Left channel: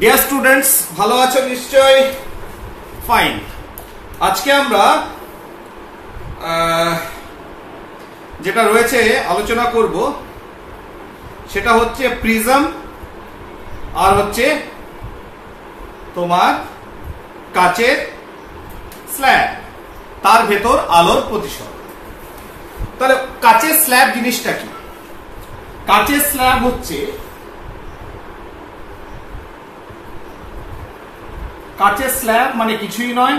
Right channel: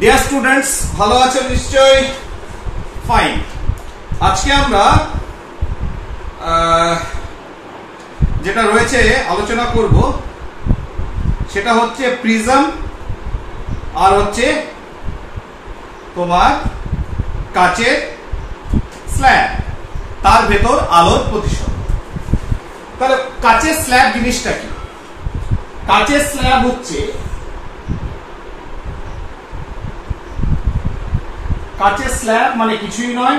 Dear students, ভালো আছো নিশ্চয়ই? ফাইন। আজকে আমরা যেটা রয়েছে আলোচনা করব সেটা হচ্ছে প্রিজম আর হচ্ছে তোমার কাচের স্ল্যাব, তার ভেতর আলোর প্রতিসরণ। তাহলে কাচের স্ল্যাব জিনিসটা কি? কাচের স্ল্যাব হচ্ছে কাচের স্ল্যাব মানে কিছুই নয়,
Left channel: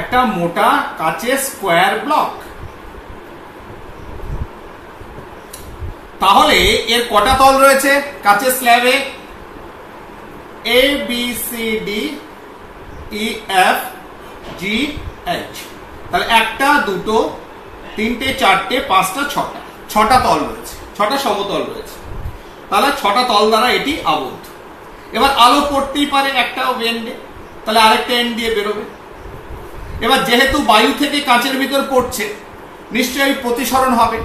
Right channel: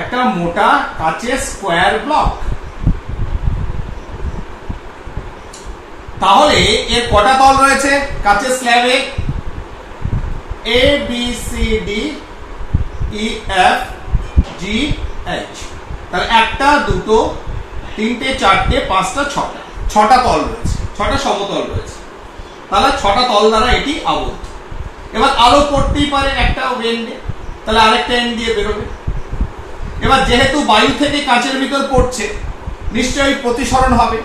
একটা মোটা কাচের স্কোয়ার ব্লক। তাহলে এর কটা তল রয়েছে কাচের স্ল্যাবে? A B C D E F G H. তাহলে একটা, দুটো, তিনটে, চারটে, পাঁচটা, ছটা তল রয়েছে, ছটা সমতল রয়েছে। তাহলে ছটা তল দ্বারা এটি আবদ্ধ। এবার আলো পড়তেই পারে একটা এন্ডে, তাহলে আরেকটা এন্ড দিয়ে বেরোবে। এবার যেহেতু বায়ু থেকে কাচের ভিতর পড়ছে, নিশ্চয়ই প্রতিসরণ হবে।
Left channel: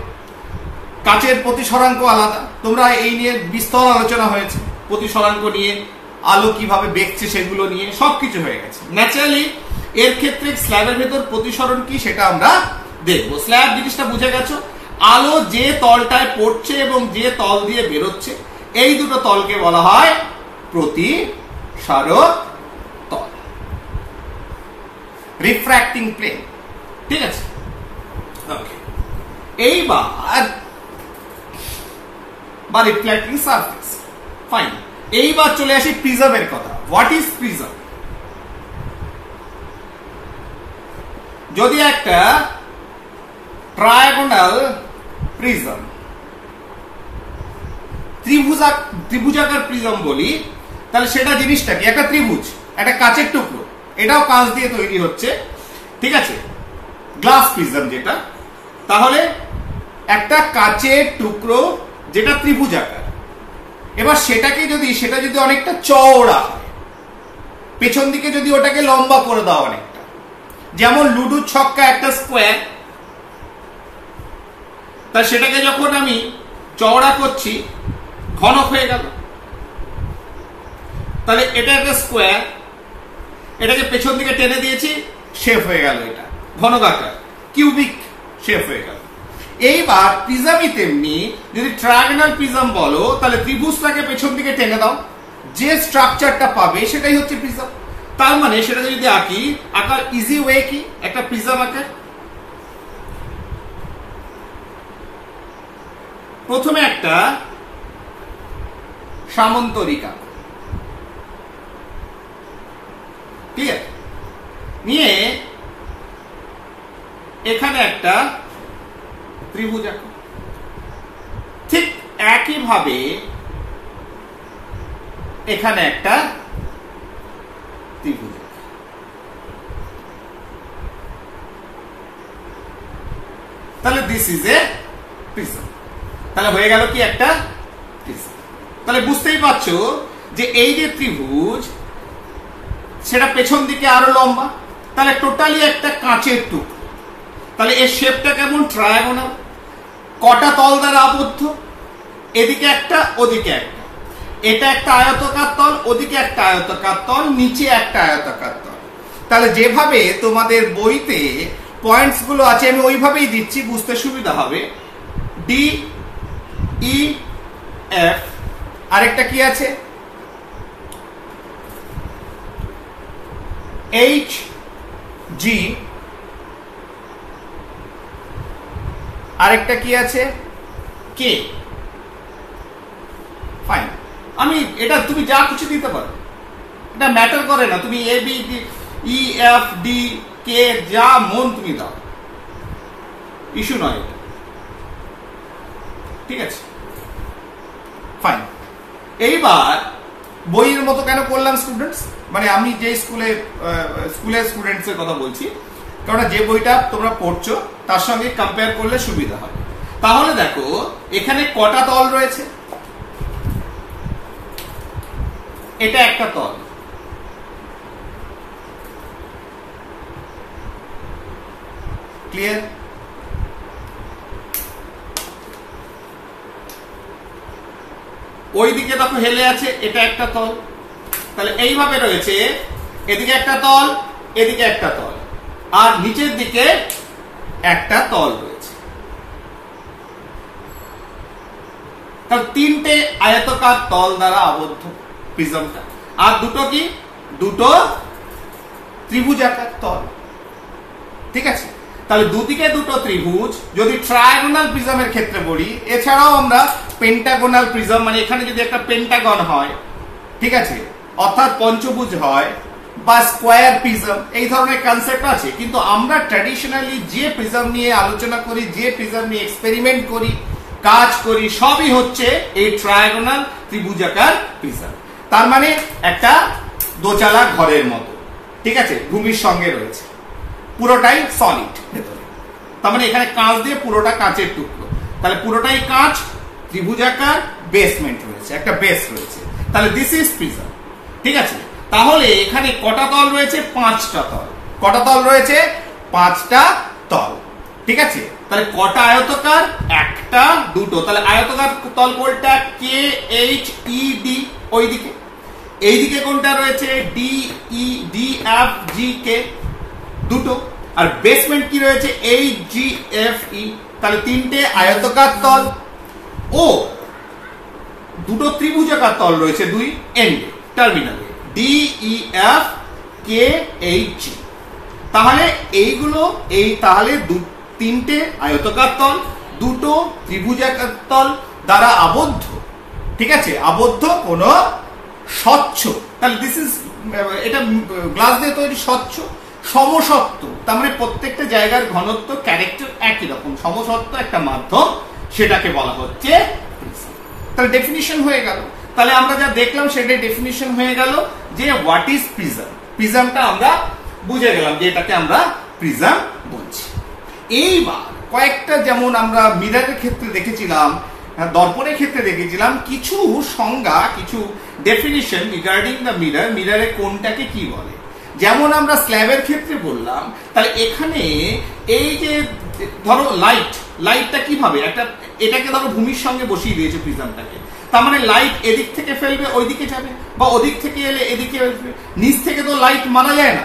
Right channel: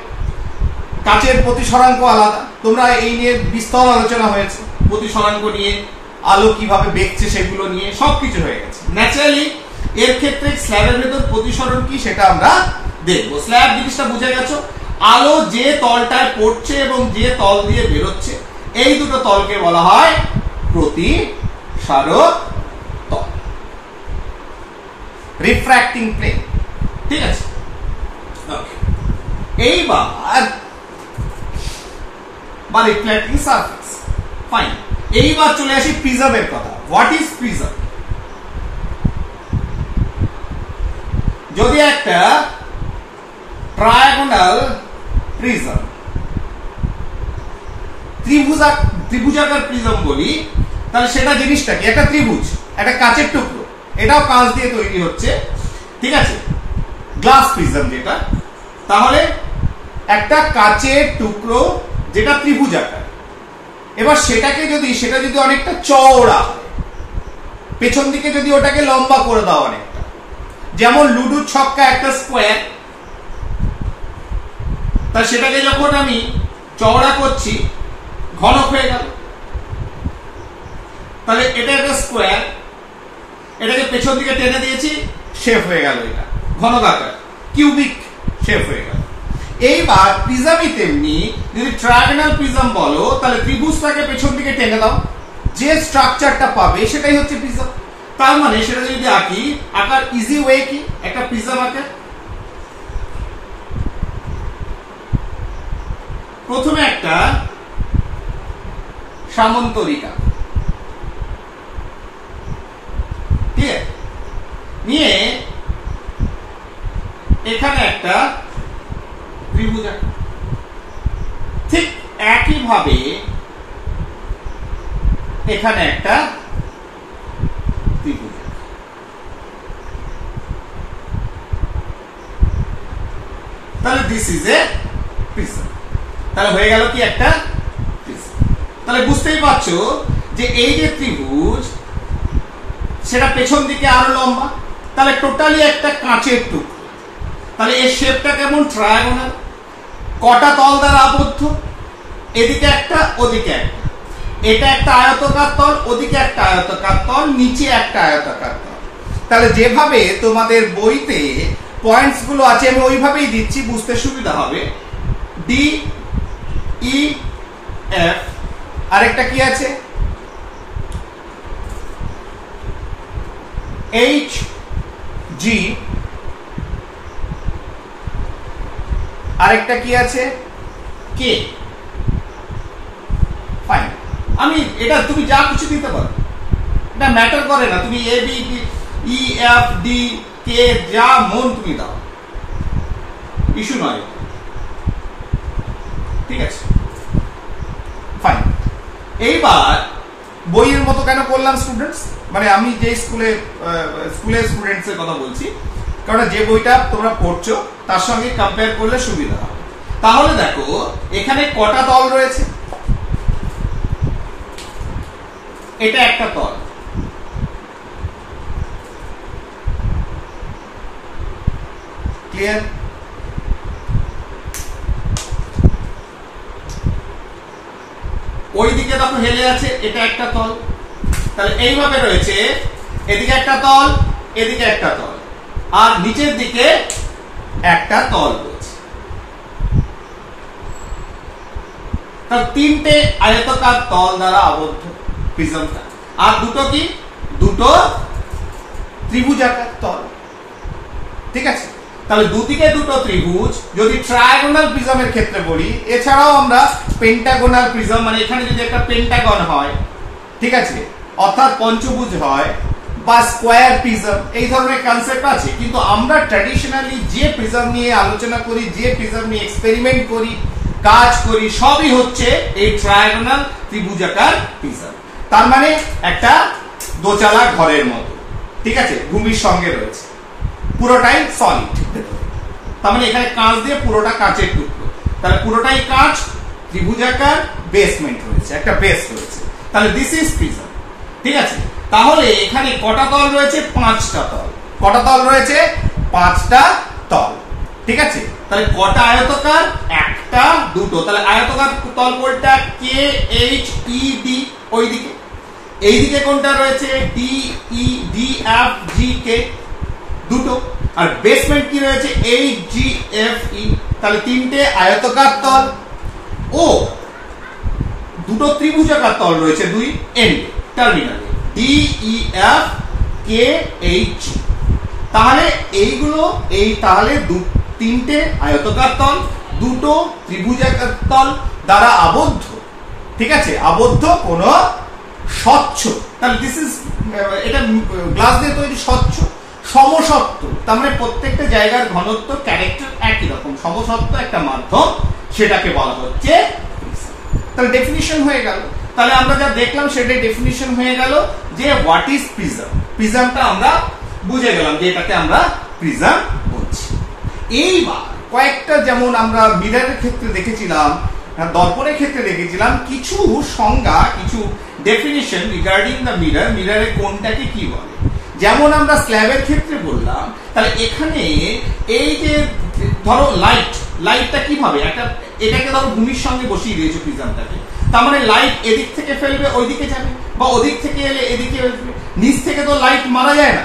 কাচের প্রতিসরাঙ্ক আলাদা, তোমরা এই নিয়ে বিস্তর আলোচনা হয়েছে, প্রতিসরাঙ্ক নিয়ে, আলো কিভাবে বেঁকছে সেগুলো নিয়ে সবকিছু হয়ে গেছে। ন্যাচারালি এর ক্ষেত্রে স্ল্যাবের ভিতর প্রতিসরণ কি সেটা আমরা দেখবো। স্ল্যাব জিনিসটা বুঝে গেছো, আলো যে তলটায় পড়ছে এবং যে তল দিয়ে বেরোচ্ছে, এই দুটো তলকে বলা হয় প্রতিসারক তল, রিফ্র্যাক্টিং প্লেন। ঠিক আছে, এইবার বা রিফ্লেক্টিং সারফেস। ফাইন, এইবার চলে আসি প্রিজমের কথা। What is prism? যদি একটা ট্রায়াগোনাল প্রিজম, ত্রিভুজাকার প্রিজম বলি, তাহলে সেটা জিনিসটা কি? একটা ত্রিভুজ, একটা কাচের টুকরো, এটাও কাঁচ দিয়ে তৈরি হচ্ছে, ঠিক আছে, গ্লাস প্রিজম যেটা। তাহলে একটা কাচের টুকরো যেটা ত্রিভুজাকার, এবার সেটা যদি অনেকটা চওড়া হয়, পেছন দিকে যদি ওটাকে লম্বা করে দাও অনেকটা, যেমন লুডুর ছক্কা একটা স্কোয়ার, তা সেটাকে যখন আমি চওড়া করছি ঘনক হয়ে গেল। তাহলে এটা একটা স্কোয়ার, এটাকে পেছন দিকে টেনে দিয়েছি, শেপ হয়ে গেল, এটা ঘনকাকার কিউবিক শেপ হয়ে গেল। এইবার প্রিজমই তেমনি, যদি ট্রায়াগোনাল প্রিজম বলো, তাহলে ত্রিভুজটাকে পেছন দিকে টেনে দাও, যে স্ট্রাকচারটা পাবে সেটাই হচ্ছে প্রিজম। তার মানে সেটা যদি আঁকি, আঁকার ইজি ওয়ে কি? একটা প্রিজম আঁকে প্রথমে একটা সামন্তরিকা, ঠিক আছে, নিয়ে এখানে একটা ত্রিভুজ আঁকা। ঠিক একইভাবে এখানে একটা ত্রিভুজ। তাহলে দিস ইজ এ প্রিজম। তাহলে হয়ে গেল কি? একটা প্রিজম। তাহলে বুঝতেই পারছো যে এই যে ত্রিভুজ, সেটা পেছন দিকে আরো লম্বা, তাহলে টোটালি একটা কাঁচের টুকরো। তাহলে এর শেপটা কেমন? ট্রায়াগোনাল। কটা তল দ্বারা আবদ্ধ? এদিকে একটা, ওদিকে একটা। এটা একটা আয়তাকার তল, ওদিকে একটা আয়তাকার তল, নিচে একটা আয়তাকার তল। তাহলে যেভাবে তোমাদের বইতে পয়েন্টস গুলো আছে আমি ওইভাবেই দিচ্ছি, বুঝতে সুবিধা হবে। ডি ই এফ, আরেকটা কি আছে? এইচ জি, আরেকটা কি আছে? কে। ফাইন। আমি এটা তুমি যা কিছু দিতে পারো, এটা ম্যাটার করে না। তুমি A B E F D কে যা মন তুমি দাও, ইস্যু নয়, ঠিক আছে? ফাইন। এইবার বইয়ের মতো কেন করলাম স্টুডেন্টস? মানে আমি যে স্কুলের স্টুডেন্টস এর কথা বলছি, কারণ যে বইটা তোমরা পড়ছো তার সঙ্গে কম্পেয়ার করলে সুবিধা হবে। তাহলে দেখো এখানে কটা তল রয়েছে? এটা একটা তল, ক্লিয়ার? ওইদিকে দেখো হেলে আছে, এটা একটা তল। তাহলে এইভাবে রয়েছে, এদিকে একটা তল, এদিকে একটা তল, আর নিচের দিকে একটা তল রয়েছে। তাহলে তিনটে আয়তাকার তল দ্বারা আবদ্ধ প্রিজমটা। আর দুটো কি, দুটো ত্রিভুজাকার তল। ঠিক আছে, তাহলে দুদিকে দুটো ত্রিভুজ যদি ট্রায়াগোনাল প্রিজমের ক্ষেত্রে বলি, এছাড়াও আমরা পেন্টাগোনাল প্রিজম, মানে এখানে যদি একটা পেন্টাগন হয়, ঠিক আছে, অর্থাৎ পঞ্চভুজ হয়, বা স্কোয়ার প্রিজম, এই ধরনের কনসেপ্ট আছে। কিন্তু আমরা ট্র্যাডিশনালি যে প্রিজম নিয়ে আলোচনা করি, যে প্রিজম নিয়ে এক্সপেরিমেন্ট করি, কাজ করি, সবই হচ্ছে এই ট্রায়াগোনাল ত্রিভুজাকার প্রিজম। তার মানে একটা দোচালা ঘরের মতো, ঠিক আছে, ভূমির সঙ্গে রয়েছে, পুরোটাই সলিড ভেতরে। তার মানে এখানে কাঁচ দিয়ে পুরোটা কাঁচের টুকরো, তাহলে পুরোটাই কাঁচ, ত্রিভুজাকার, বেসমেন্ট রয়েছে, একটা বেস রয়েছে। তাহলে দিস ইজ প্রিজম। ঠিক আছে, তাহলে এখানে কটা তল রয়েছে? 5টা তল। কটা তল রয়েছে? 5টা তল। ঠিক আছে, তাহলে কটা আয়তাকার? একটা, দুটো। তাহলে আয়তাকার তল কোনটা? কে এইচ ই ডি, ওইদিকে। এইদিকে কোনটা রয়েছে? D E D F G K, দুটো। আর বেসমেন্ট কি রয়েছে? H G F E. তাহলে তিনটে আয়তাকার তল ও দুটো ত্রিভুজাকার তল রয়েছে দুই এন্ডে, টার্মিনালে, D E F K H. তাহলে এইগুলো তাহলে তিনটে আয়তাকার তল, দুটো ত্রিভুজাকার তল দ্বারা আবদ্ধ। ঠিক আছে, আবদ্ধ কোন স্বচ্ছ, তাহলে দিস ইজ, এটা গ্লাস দিয়ে তৈরি, স্বচ্ছ সমসত্ব। তার মানে প্রত্যেকটা জায়গার ঘনত্ব, ক্যারেক্টার একই রকম, সমসত্ব একটা মাধ্যম, সেটাকে বলা হচ্ছে প্রিজম। তাহলে ডেফিনিশন হয়ে গেল। তাহলে আমরা যা দেখলাম সেটাই ডেফিনিশন হয়ে গেল যে হোয়াট ইজ প্রিজম। প্রিজমটা আমরা বুঝে গেলাম যে এটাকে আমরা প্রিজম বলছি। এইবার কয়েকটা, যেমন আমরা মিররের ক্ষেত্রে দেখেছিলাম, দর্পণের ক্ষেত্রে দেখেছিলাম, কিছু সংজ্ঞা, কিছু ডেফিনিশন রিগার্ডিং দ্য মিরর, মিররে কোনটাকে কি বলে। যেমন আমরা স্ল্যাবের ক্ষেত্রে বললাম, তাহলে এখানে এই যে ধরো লাইটটা কিভাবে একটা, এটাকে ধরো ভূমির সঙ্গে বসিয়ে দিয়েছে প্রিজমটাকে, তার মানে লাইট এদিক থেকে ফেলবে ওইদিকে যাবে, বা ওদিক থেকে এলে এদিকে আসবে। নিচ থেকে তো লাইট মারা যায় না,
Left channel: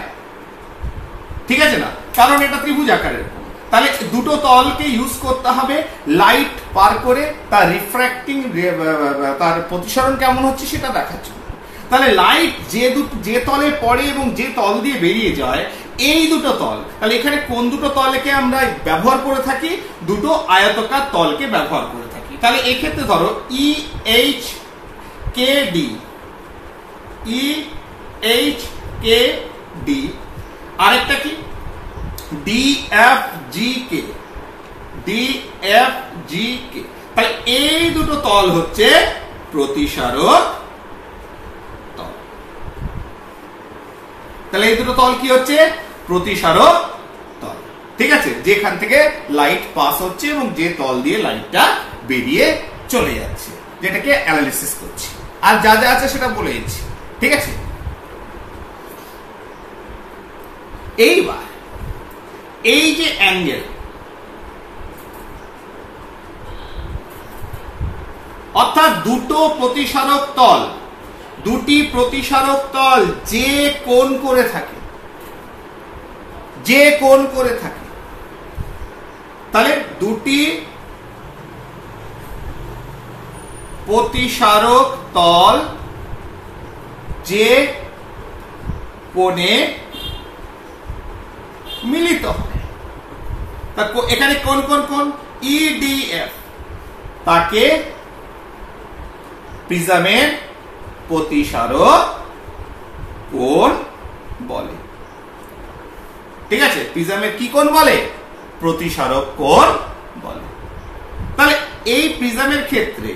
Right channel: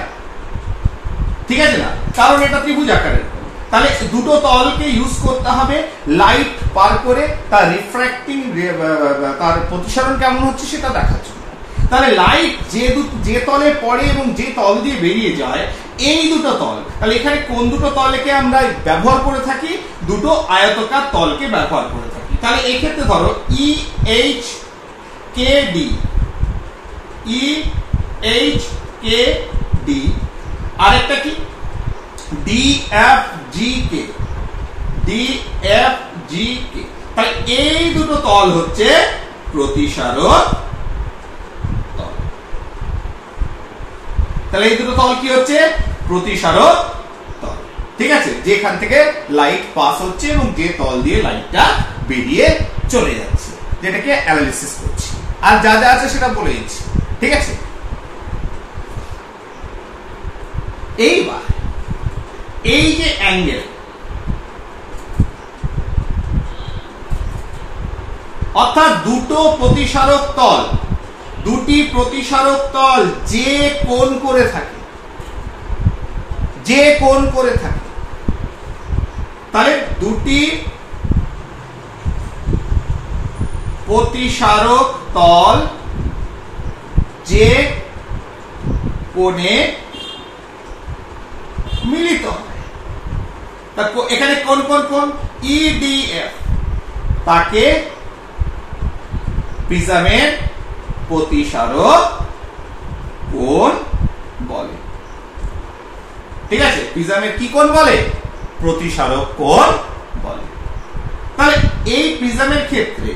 ঠিক আছে না, কারণ এটা ত্রিভুজ আকারের। তাহলে দুটো তলকে ইউজ করতে হবে লাইট পার করে তার রিফ্র্যাক্টিং, তার প্রতিসরণ কেমন হচ্ছে সেটা দেখার জন্য। তাহলে লাইট যে তলে পড়ে এবং যে তল দিয়ে বেরিয়ে যায়, এই দুটো তল, তাহলে এখানে কোন দুটো তলকে আমরা ব্যবহার করে থাকি? দুটো আয়তাকার তলকে ব্যবহার করে থাকি। তাহলে এই ক্ষেত্রে ধরো E H K D, E H K D, আরেকটা কি? ডি এফ জি কে, ডি এফ জি কে। তাহলে এই দুটো তল হচ্ছে প্রতিসারক তল। তাহলে এই দুটো তল কি হচ্ছে? প্রতিসারক তল। ঠিক আছে, যেখান থেকে লাইট পাস হচ্ছে এবং যে তল দিয়ে লাইটটা বেরিয়ে চলে যাচ্ছে, যেটাকে অ্যানালিসিস করছি। আর যা যা আছে সেটা বলে দিচ্ছি। ঠিক আছে, এইবার এই যে অ্যাঙ্গেল, অর্থাৎ দুটো প্রতিসারক তল, দুটি প্রতিসারক তল যে কোণ করে থাকে, যে কোণ করে থাকে, তাহলে দুটি প্রতিসারক তল যে কোণে মিলিত হয়, এখানে কোন কোন কোন ইডিএফ, তাকে প্রিজমের প্রতিসারক কোণ বলে। ঠিক আছে, প্রিজমের কি কোণ বলে? প্রতিসারক কোণ বলে। তাহলে এই প্রিজমের ক্ষেত্রে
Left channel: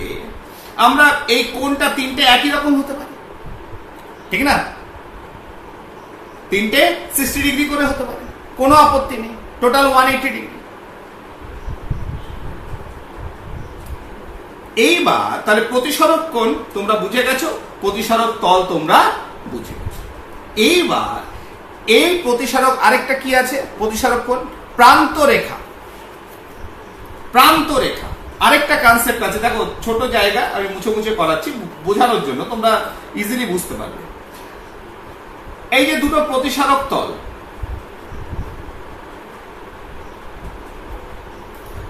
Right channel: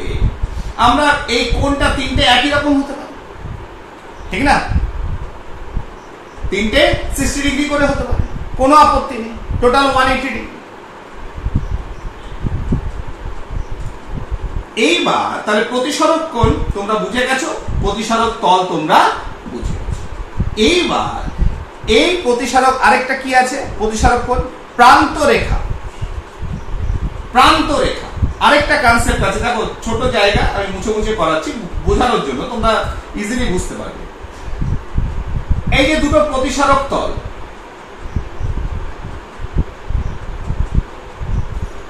আমরা এই কোণটা তিনটে একই রকম হতে পারে, ঠিক না? তিনটে 60 ডিগ্রি করে হতে পারে, কোনো আপত্তি নেই, টোটাল 180 ডিগ্রি। এইবার তাহলে প্রতিসারক কোণ তোমরা বুঝে গেছো, প্রতিসারক তল তোমরা বুঝে গেছো। এইবার এই প্রতিসারক আরেকটা কি আছে? প্রতিসারক কোণ প্রান্ত রেখা, প্রান্ত রেখা। আরেকটা কনসেপ্ট আছে, দেখো ছোট জায়গা আমি মুছে মুছে করাচ্ছি বোঝানোর জন্য, তোমরা ইজিলি বুঝতে পারবে। এই যে দুটো প্রতিসারক তল,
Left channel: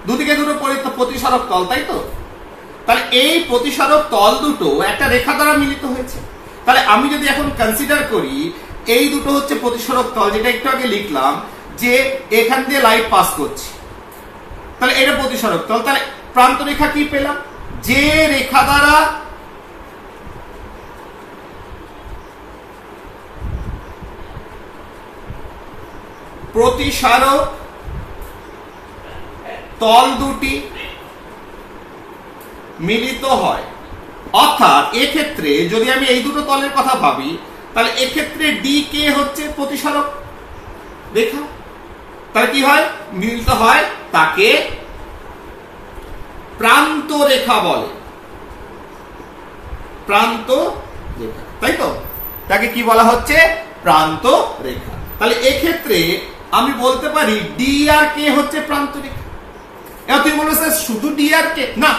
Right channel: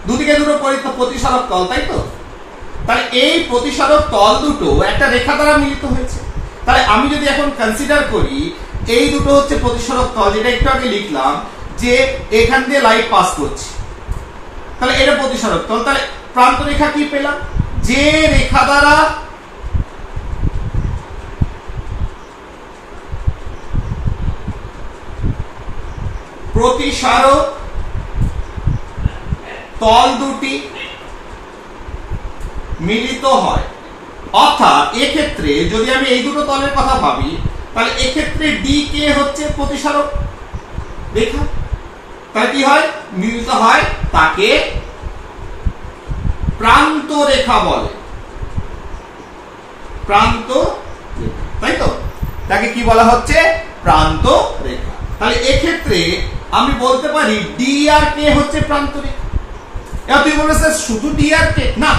দুদিকে দুটো প্রতিসারক তল, তাই তো? তাহলে এই প্রতিসারক তল দুটো একটা রেখা দ্বারা মিলিত হয়েছে। তাহলে আমি যদি এখন কনসিডার করি এই দুটো হচ্ছে প্রতিসারক তল, যেটা একটু আগে লিখলাম যে এখান দিয়ে লাইট পাস করছে, তাহলে এটা প্রতিসারক তল। তাহলে প্রান্ত রেখা কি পেলাম? যে রেখা দ্বারা প্রতিসারক তল দুটি মিলিত হয়, অর্থাৎ এক্ষেত্রে যদি আমি এই দুটো তলের কথা ভাবি, তাহলে এক্ষেত্রে ডি কে হচ্ছে প্রতিসারক রেখা, তাহলে কি হয়? মিলিত হয়, তাকে প্রান্ত রেখা বলে, প্রান্ত রেখা, তাই তো? তাকে কি বলা হচ্ছে? প্রান্ত রেখা। তাহলে এক্ষেত্রে আমি বলতে পারি ডি আর কে হচ্ছে প্রান্ত রেখা। এবার তুই বলবে স্যার শুধু ডি আর কে? না,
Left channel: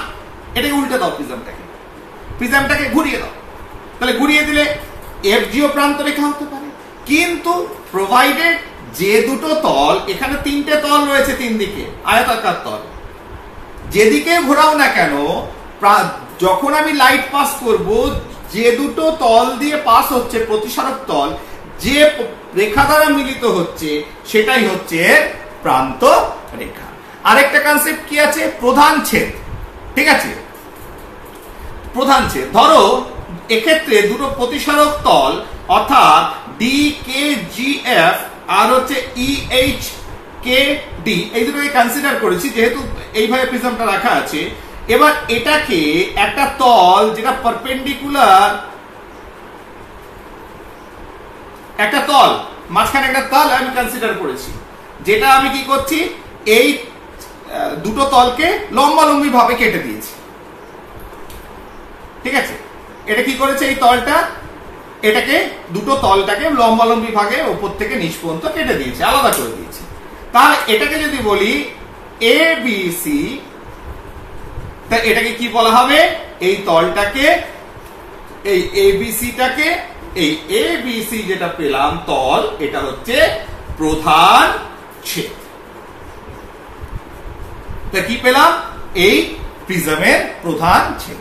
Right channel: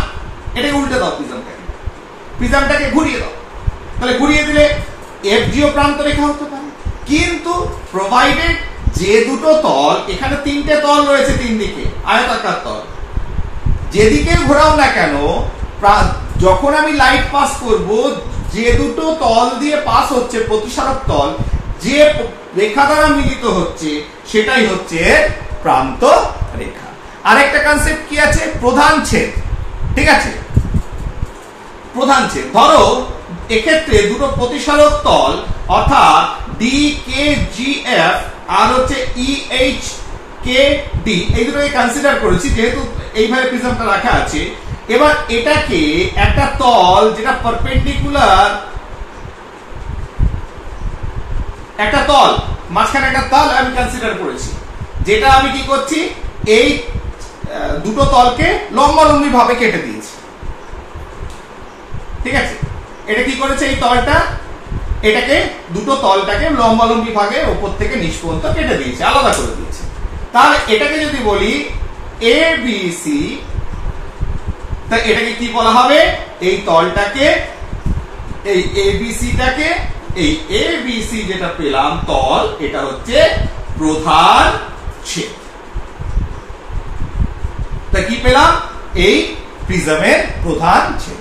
এটাকে উল্টে দাও, প্রিজমটাকে ঘুরিয়ে দাও। তাহলে ঘুরিয়ে দিলে এফজিও প্রান্ত রেখা হতে পারে, কিন্তু প্রোভাইডেড যে দুটো তল, এখানে তিনটে তল রয়েছে, তিন দিকে আয়তাকার তল, যেদিকে ঘোরাও না কেন, যখন আমি লাইট পাস করব, যে দুটো তল দিয়ে পাস হচ্ছে প্রতিসারক তল, যে রেখা দ্বারা মিলিত হচ্ছে, সেটাই হচ্ছে প্রান্ত রেখা। আরেকটা কনসেপ্ট কি আছে? প্রধান ছেদ। ঠিক আছে, প্রধান ছেদ। ধরো এক্ষেত্রে দুটো প্রতিসারক তল, অর্থাৎ ডি কে জি এফ আর হচ্ছে ই এইচ কে ডি, এই দুটোকে কনসিডার করেছি যেহেতু এইভাবে প্রিজমটা রাখা আছে। এবার এটাকে একটা তল যেটা পারপেন্ডিকুলার, একটা তল, মাঝখানে একটা তল আমি কনসিডার করেছি, যেটা আমি কি করছি? এই দুটো তলকে লম্বালম্বি ভাবে কেটে দিয়েছি। ঠিক আছে, এটা কি করেছে? এই তলটা, এটাকে দুটো তলটাকে লম্বালম্বি ভাগে উপর থেকে নিচ পর্যন্ত কেটে দিয়েছে, আলাদা করে দিয়েছে। তাহলে এটাকে যদি বলি এ বি সি, তা এটাকে কি বলা হবে? এই তলটাকে, এই এ বি সিটাকে, এই এ বি সি যেটা পেলাম তল, এটা হচ্ছে প্রধান ছেদ। তা কি পেলাম? এই প্রিজমের প্রধান ছেদ।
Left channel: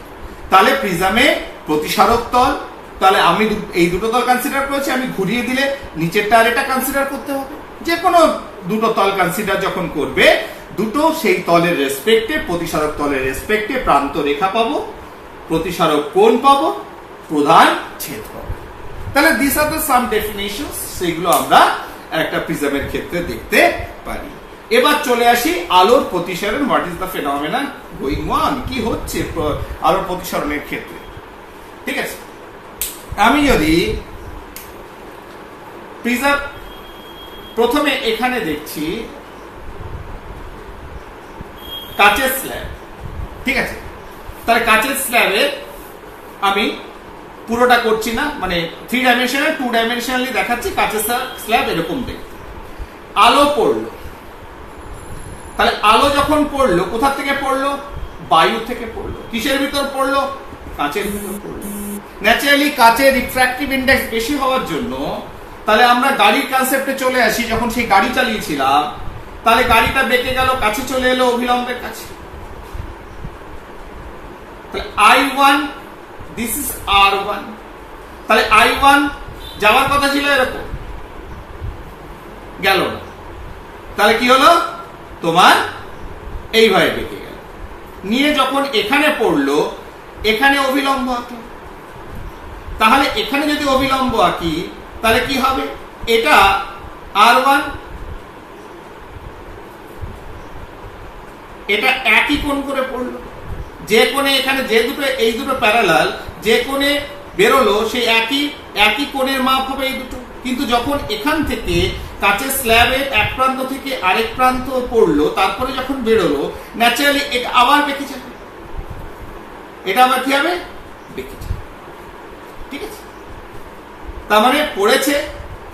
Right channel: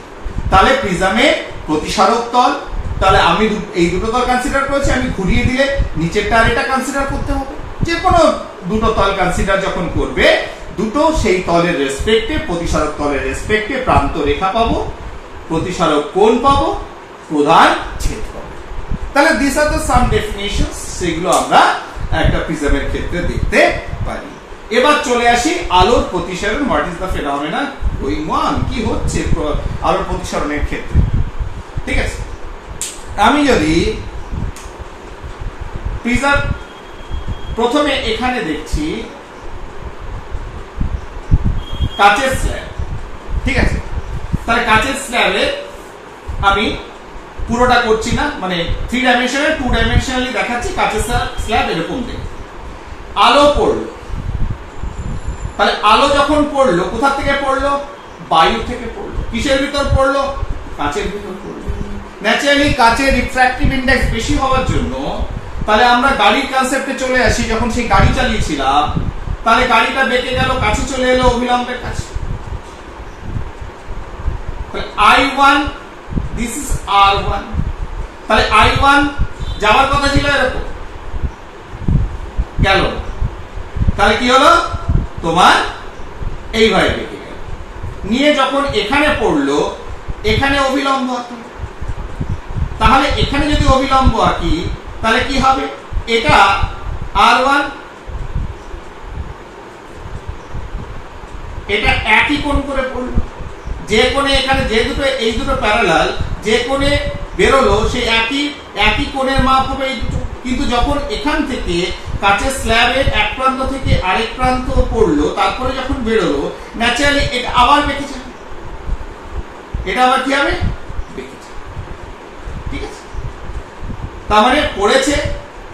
তাহলে প্রিজমের প্রতিসারক তল, তাহলে আমি এই দুটো তল কনসিডার করেছি, আমি ঘুরিয়ে দিলে নিচেরটা আর এটা কনসিডার করতে হবে। যে কোনো দুটো তল কনসিডার যখন করবে, দুটো সেই তলের রেসপেক্টে, প্রতিসারক তলের রেসপেক্টে প্রান্ত রেখা পাবো, প্রতিসারক কোণ পাবো, প্রধান ছেদ পাবো। তাহলে দিস আর দ্য সাম ডেফিনিশনস, সেগুলো আমরা একটা প্রিজমের ক্ষেত্রে দেখতে পারি। এবার চলে আসি আলোর প্রতিসরণ। What is the phenomena going on? কি হচ্ছে আলোর প্রতিসরণের ক্ষেত্রে? ঠিক আছে, আমি যদি প্রিজম প্রথমে এখানে দেখছি কাচের স্ল্যাব। ঠিক আছে, তাহলে কাচের স্ল্যাবে আমি পুরোটা করছি না, মানে 3 ডাইমেনশনাল 2 ডাইমেনশনালি দেখাচ্ছি। কাচের স্ল্যাব এরকম দেখতে, আলো পড়লো। তাহলে আলো যখন পড়লো, কোথা থেকে পড়লো? বায়ু থেকে পড়লো। কিসের ভিতর পড়লো? কাচের ভিতর পড়লো। ন্যাচারালি কাচের রিফ্র্যাক্টিভ ইন্ডেক্স বেশি হওয়ার জন্য, তাহলে আমরা গাড়ির কনসেপ্টে চলে আসি। যখন সেই গাড়ি চালিয়েছিলাম, তাহলে গাড়িটা বেঁকে গেল, কাছে চলে এলো অভিলম্বের কাছে। তাহলে I1, দিস ইজ R1। তাহলে I1 যাওয়ার কথা ছিল এরকম, গেল না। তাহলে কি হলো? তোমার এইভাবে বেঁকে গেল, নিয়ে যখন এখানে পড়লো, এখানে অভিলম্ব আঁকি। তাহলে এখানে যদি অভিলম্ব আঁকি, তাহলে কি হবে? এটা R1, এটা একই কোণ করে পড়লো। যে কোণে এখানে যে দুটো, এই দুটো প্যারালাল, যে কোণে বেরোলো সেই একই কোণের মাপ হবে এই দুটো। কিন্তু যখন এখান থেকে কাচের স্ল্যাবের এক প্রান্ত থেকে আরেক প্রান্ত পড়লো, তারপরে যখন বেরোলো, ন্যাচারালি এটা আবার বেঁকে যাবে। এটা আবার কি হবে? বেঁকে যাবে। ঠিক আছে, তার মানে পড়েছে,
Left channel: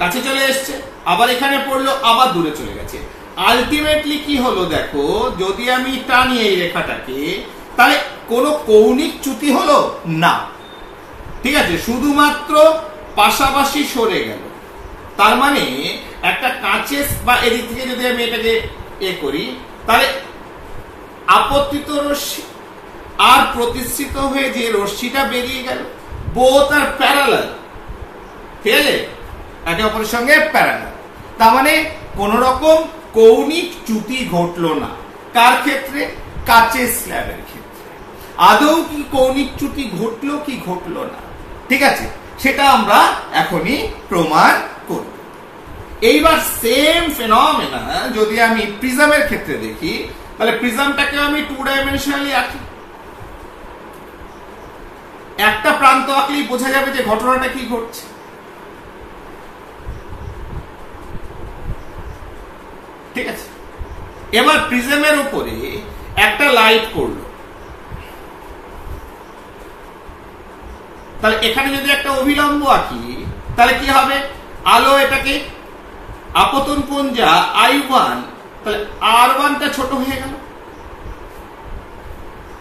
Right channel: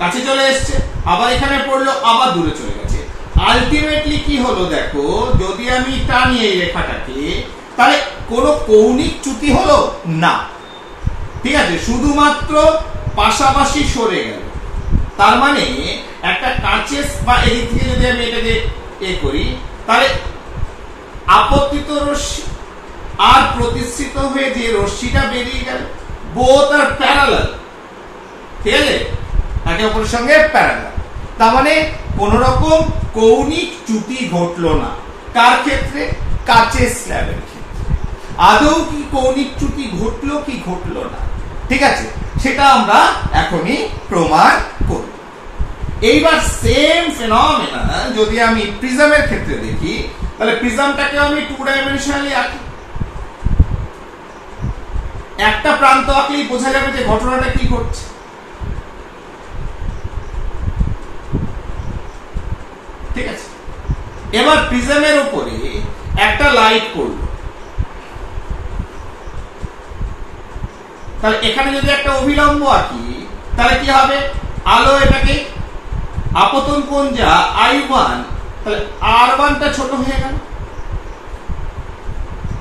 কাছে চলে এসছে, আবার এখানে পড়লো, আবার দূরে চলে গেছে। আলটিমেটলি কি হলো দেখো, যদি আমি টানি এই রেখাটাকে, তাহলে কোনো কৌণিক চ্যুতি হলো না, ঠিক আছে, শুধুমাত্র পাশাপাশি সরে গেল। তার মানে একটা কাঁচের বা এদিক থেকে যদি আমি এটাকে করি, তাহলে আপতিত রশ্মি আর প্রতিষ্ঠিত হয়ে যে রশ্মিটা বেরিয়ে গেল, বোথ আর প্যারালাল, ঠিক আছে, একে অপরের সঙ্গে প্যারালাল। তার মানে কোন রকম কৌণিক চ্যুতি ঘটলো না। কার ক্ষেত্রে? কাচের স্ল্যাবের ক্ষেত্রে। আদৌ কি কৌণিক চ্যুতি ঘটলো কি ঘটলো না, ঠিক আছে, সেটা আমরা এখনই প্রমাণ করব। এইবার সেম ফেনোমেনা যদি আমি প্রিজমের ক্ষেত্রে দেখি, তাহলে প্রিজমটাকে আমি 2 ডাইমেনশনালি আঁকি। একটা প্রান্ত আঁকলেই বোঝা যাবে যে ঘটনাটা কি ঘটছে। ঠিক আছে, এবার প্রিজমের উপরে একটা লাইট পড়লো, তাহলে এখানে যদি একটা অভিলম্ব আঁকি, তাহলে কি হবে? আলো এটাকে আপতন কোণ যা I1, তাহলে R1টা ছোট হয়ে গেল।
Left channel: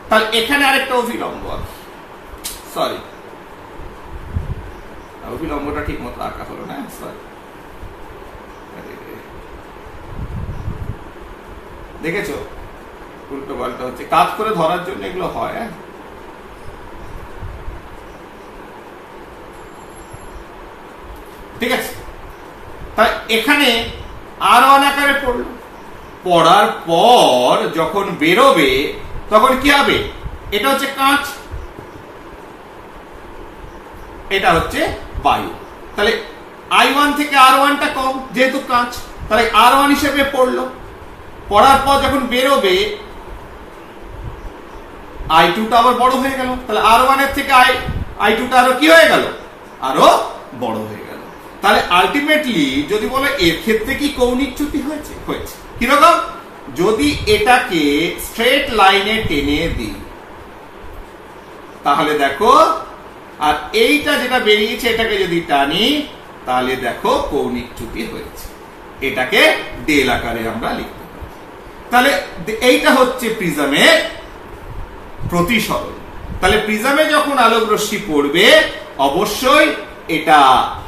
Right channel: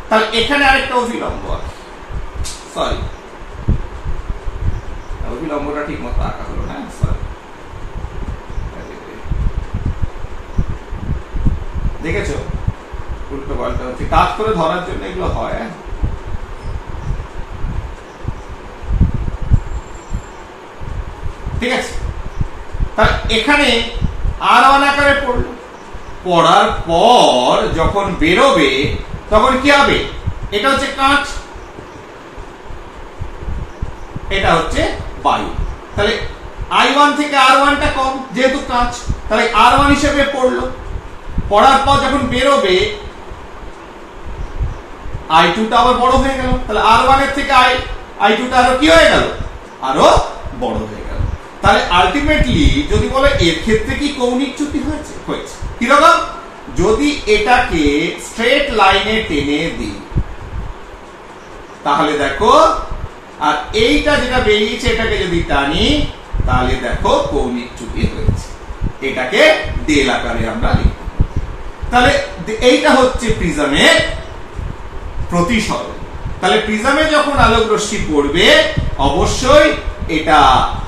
তাহলে এখানে আরেকটা অভিলম্ব আঁকি, সরি, অভিলম্বটা ঠিক মতো আঁকা হলো না, সরি, দেখেছো উল্টো পাল্টা হচ্ছে, কাজ করে ধরার জন্য এগুলো হয়। ঠিক আছে, তাহলে এখানে R1 আকারে পড়লো, পড়ার পর যখন বেরোবে তখন কি হবে? এটা হচ্ছে কাঁচ, এটা হচ্ছে বায়ু। তাহলে I1 থেকে R1টা কম, যেহেতু কাঁচ, তাহলে R1 হিসেবে পড়লো। পড়ার পর যখন বেরোবে I2টা আবার বড় হয়ে গেল, তাহলে R1 এর থেকে I2টা আরো কি হয়ে গেল? আরো বড় হয়ে গেল। তাহলে আলটিমেটলি যদি বলে এর ক্ষেত্রে কি কৌণিক চ্যুতি হয়েছে? হয়েছে। কিরকম? যদি এটাকে স্ট্রেট লাইনে টেনে দিই, তাহলে দেখো, আর এইটা যেটা বেরিয়েছে এটাকে যদি টানি, তাহলে দেখো কৌণিক চ্যুতি হয়েছে। এটাকে ডেল আকারে আমরা লিখতে পারি। তাহলে এইটা হচ্ছে প্রিজমের প্রতিসরণ। তাহলে প্রিজমে যখন আলোক রশ্মি পড়বে, অবশ্যই এটা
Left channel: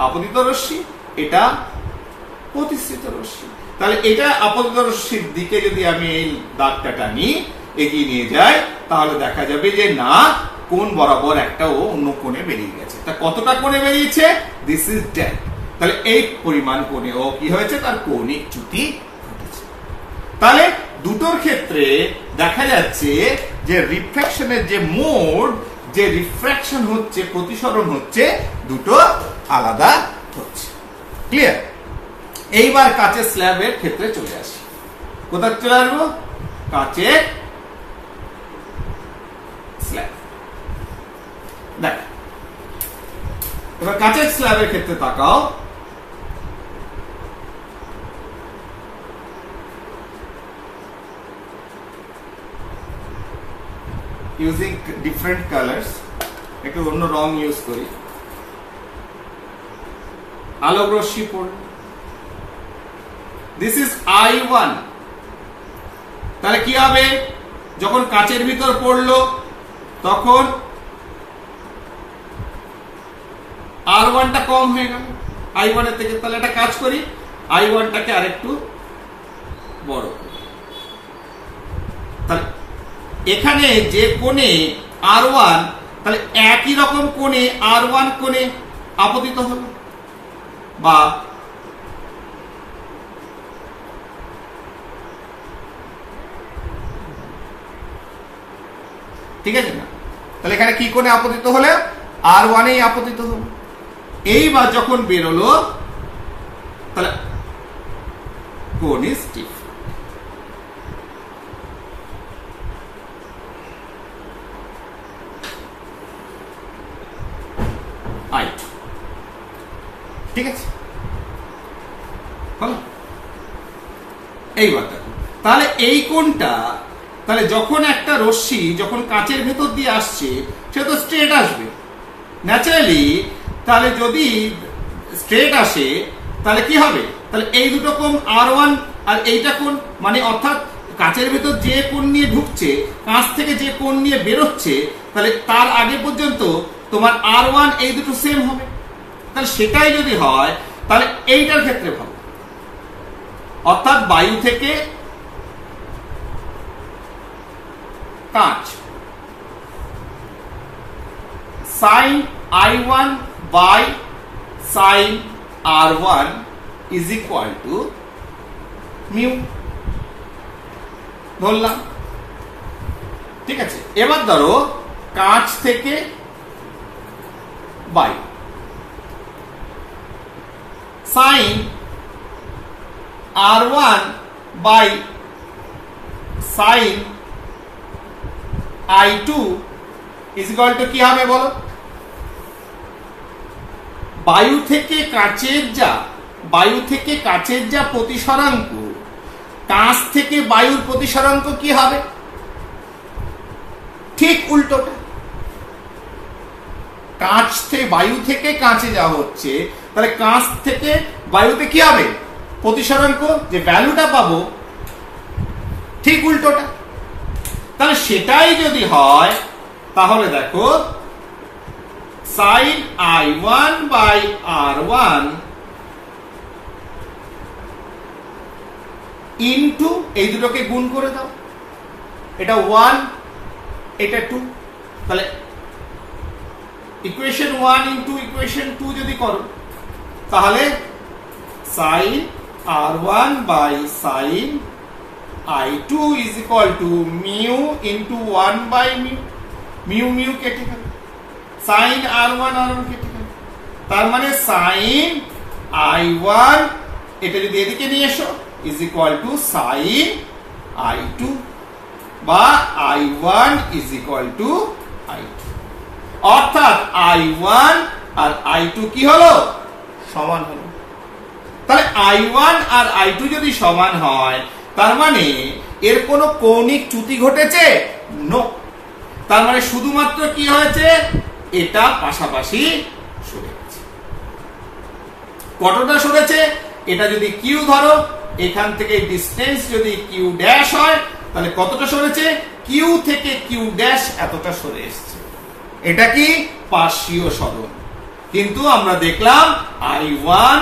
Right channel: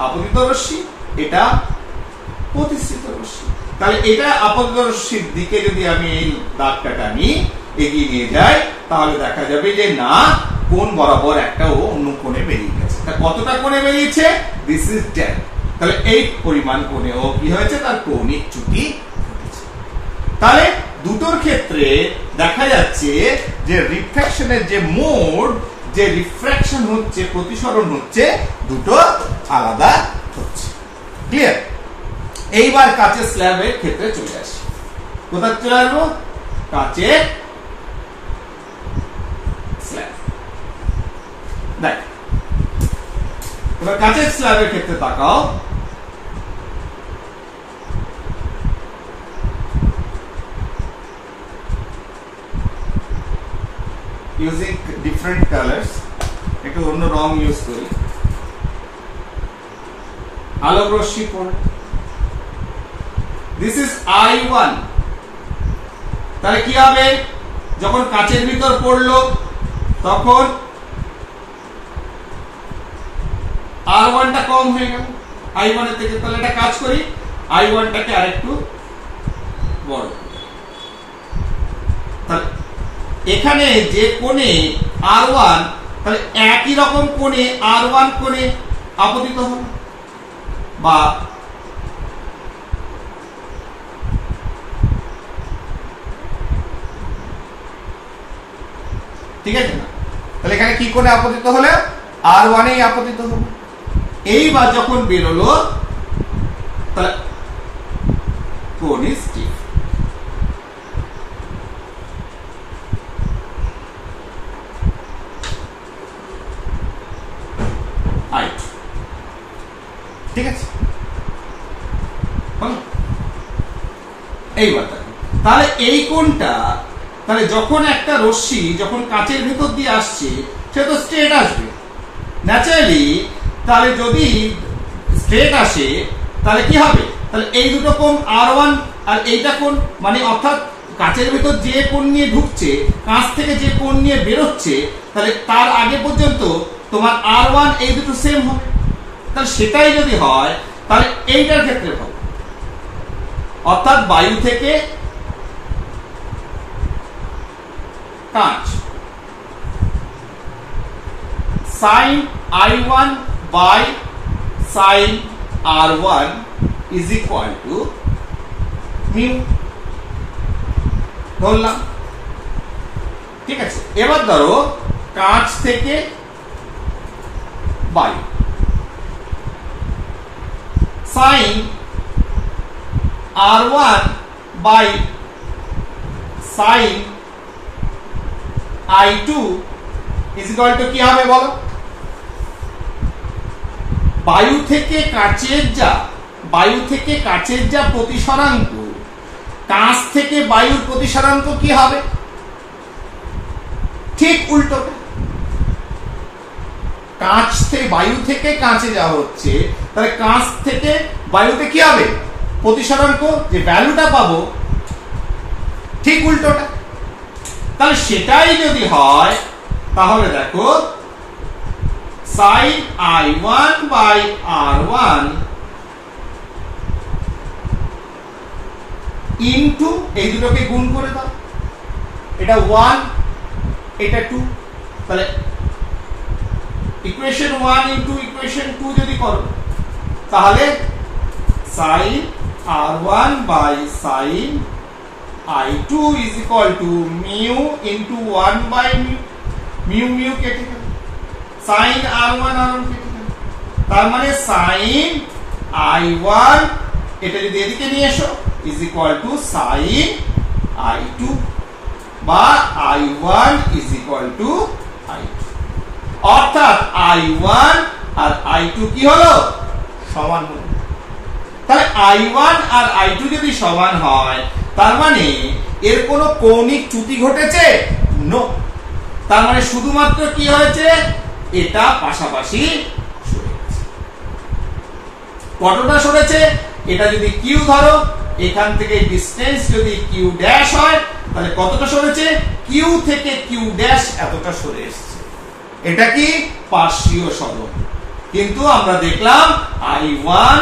আপতিত রশ্মি, এটা প্রতিষ্ঠিত রশ্মি। তাহলে এটা আপতিত রশ্মির দিকে যদি আমি এই দাগটা টানি, এগিয়ে নিয়ে যাই, তাহলে দেখা যাবে যে না, কোণ বরাবর একটা ও অন্য কোণে বেরিয়ে গেছে। তা কতটা কোণে বেরিয়েছে? This is 10। তাহলে এই পরিমাণ কোণে ও কি হয়েছে? তার কৌণিক চ্যুতি ঘটেছে। তাহলে দুটোর ক্ষেত্রে দেখা যাচ্ছে যে রিফ্র্যাকশনের যে মোড, যে রিফ্র্যাকশন হচ্ছে, প্রতিসরণ হচ্ছে, দুটো আলাদা হচ্ছে। ক্লিয়ার? এইবার কাচের স্ল্যাবের ক্ষেত্রে চলে আসি। কোথায় চলে আসবো? কাচের স্ল্যাব। দেখ, এবার কাচের স্ল্যাবের ক্ষেত্রে তাকাও। ইউজিং ডিফারেন্ট কালার্স, একটু অন্য রং ইউজ করি। আলোক রশ্মি পড়ে, দিস ইজ I1। তাহলে কি হবে? যখন কাচের ভিতর পড়লো তখন R1টা কম হয়ে গেল I1 এর থেকে। তাহলে একটা কাজ করি, I1টাকে আরেকটু বড় করি। তাহলে এখানে যে কোণে R1, তাহলে একই রকম কোণে R1 কোণে আপতিত হলো, বা ঠিক আছে না? তাহলে এখানে কি কোণে আপতিত হলে? R1 এই আপতিত হলো। এইবার যখন বেরোলো, তাহলে কোণ ইজ ঠিক। ঠিক আছে, এইবার দেখো, তাহলে এই কোণটা, তাহলে যখন একটা রশ্মি যখন কাচের ভেতর দিয়ে আসছে, সে তো স্ট্রেট আসবে ন্যাচারালি। তাহলে যদি স্ট্রেট আসে, তাহলে কি হবে? তাহলে এই দুটো কোণ R1 আর এইটা কোণ, মানে অর্থাৎ কাঁচের ভেতর যে কোণ নিয়ে ঢুকছে, কাঁচ থেকে যে কোণ নিয়ে বেরোচ্ছে, তাহলে তার আগে পর্যন্ত তোমার R1 এই দুটো সেম হবে। তাহলে সেটাই যদি হয় তাহলে এইটার ক্ষেত্রে ভালো, অর্থাৎ বায়ু থেকে কাঁচ, sin I1 by sin R1 is equal to mu ধরলাম। ঠিক আছে, এবার ধরো কাঁচ থেকে বায়ু, sin R1 by sin I2 is equal to কি হবে বলো? বায়ু থেকে কাঁচের যা প্রতিসরাঙ্ক, কাঁচ থেকে বায়ুর প্রতিসরাঙ্ক কি হবে? ঠিক উল্টোটা। কাঁচ থেকে বায়ু থেকে কাঁচে যা হচ্ছে, তাহলে কাঁচ থেকে বায়ুতে কি হবে? প্রতিসরাঙ্ক যে ভ্যালুটা পাবো ঠিক উল্টোটা। তাহলে সেটাই যদি হয় তাহলে দেখো sin I1 by R1 into এই দুটোকে গুণ করে দাও, এটা 1 এটা 2, তাহলে ইকুয়েশন 1 ইনটু ইকুয়েশন 2 যদি করো তাহলে sin R1 by sin I2 is equal to mu into 1 by mu কেটে গেল, sin R1 কেটে গেল, তার মানে sin I1 এটা যদি এদিকে নিয়ে এসো is equal to sin I2 বা I1 is equal to I2, অর্থাৎ I1 আর I2 কি হলো? সমান হলো। তাহলে I1 আর I2 যদি সমান হয় তার মানে এর কোনো কৌণিক চ্যুতি ঘটেছে? নো। তার মানে শুধুমাত্র কি হয়েছে? এটা পাশাপাশি সরে গেছে। কতটা সরেছে? এটা যদি কিউ ধরো, এখান থেকে ডিসটেন্স যদি কিউ ড্যাশ হয় তাহলে কতটা সরেছে? কিউ থেকে কিউ ড্যাশ এতটা সরে এসেছে। এটা কি পার্শ্বীয় সরণ। কিন্তু আমরা দেখলাম I1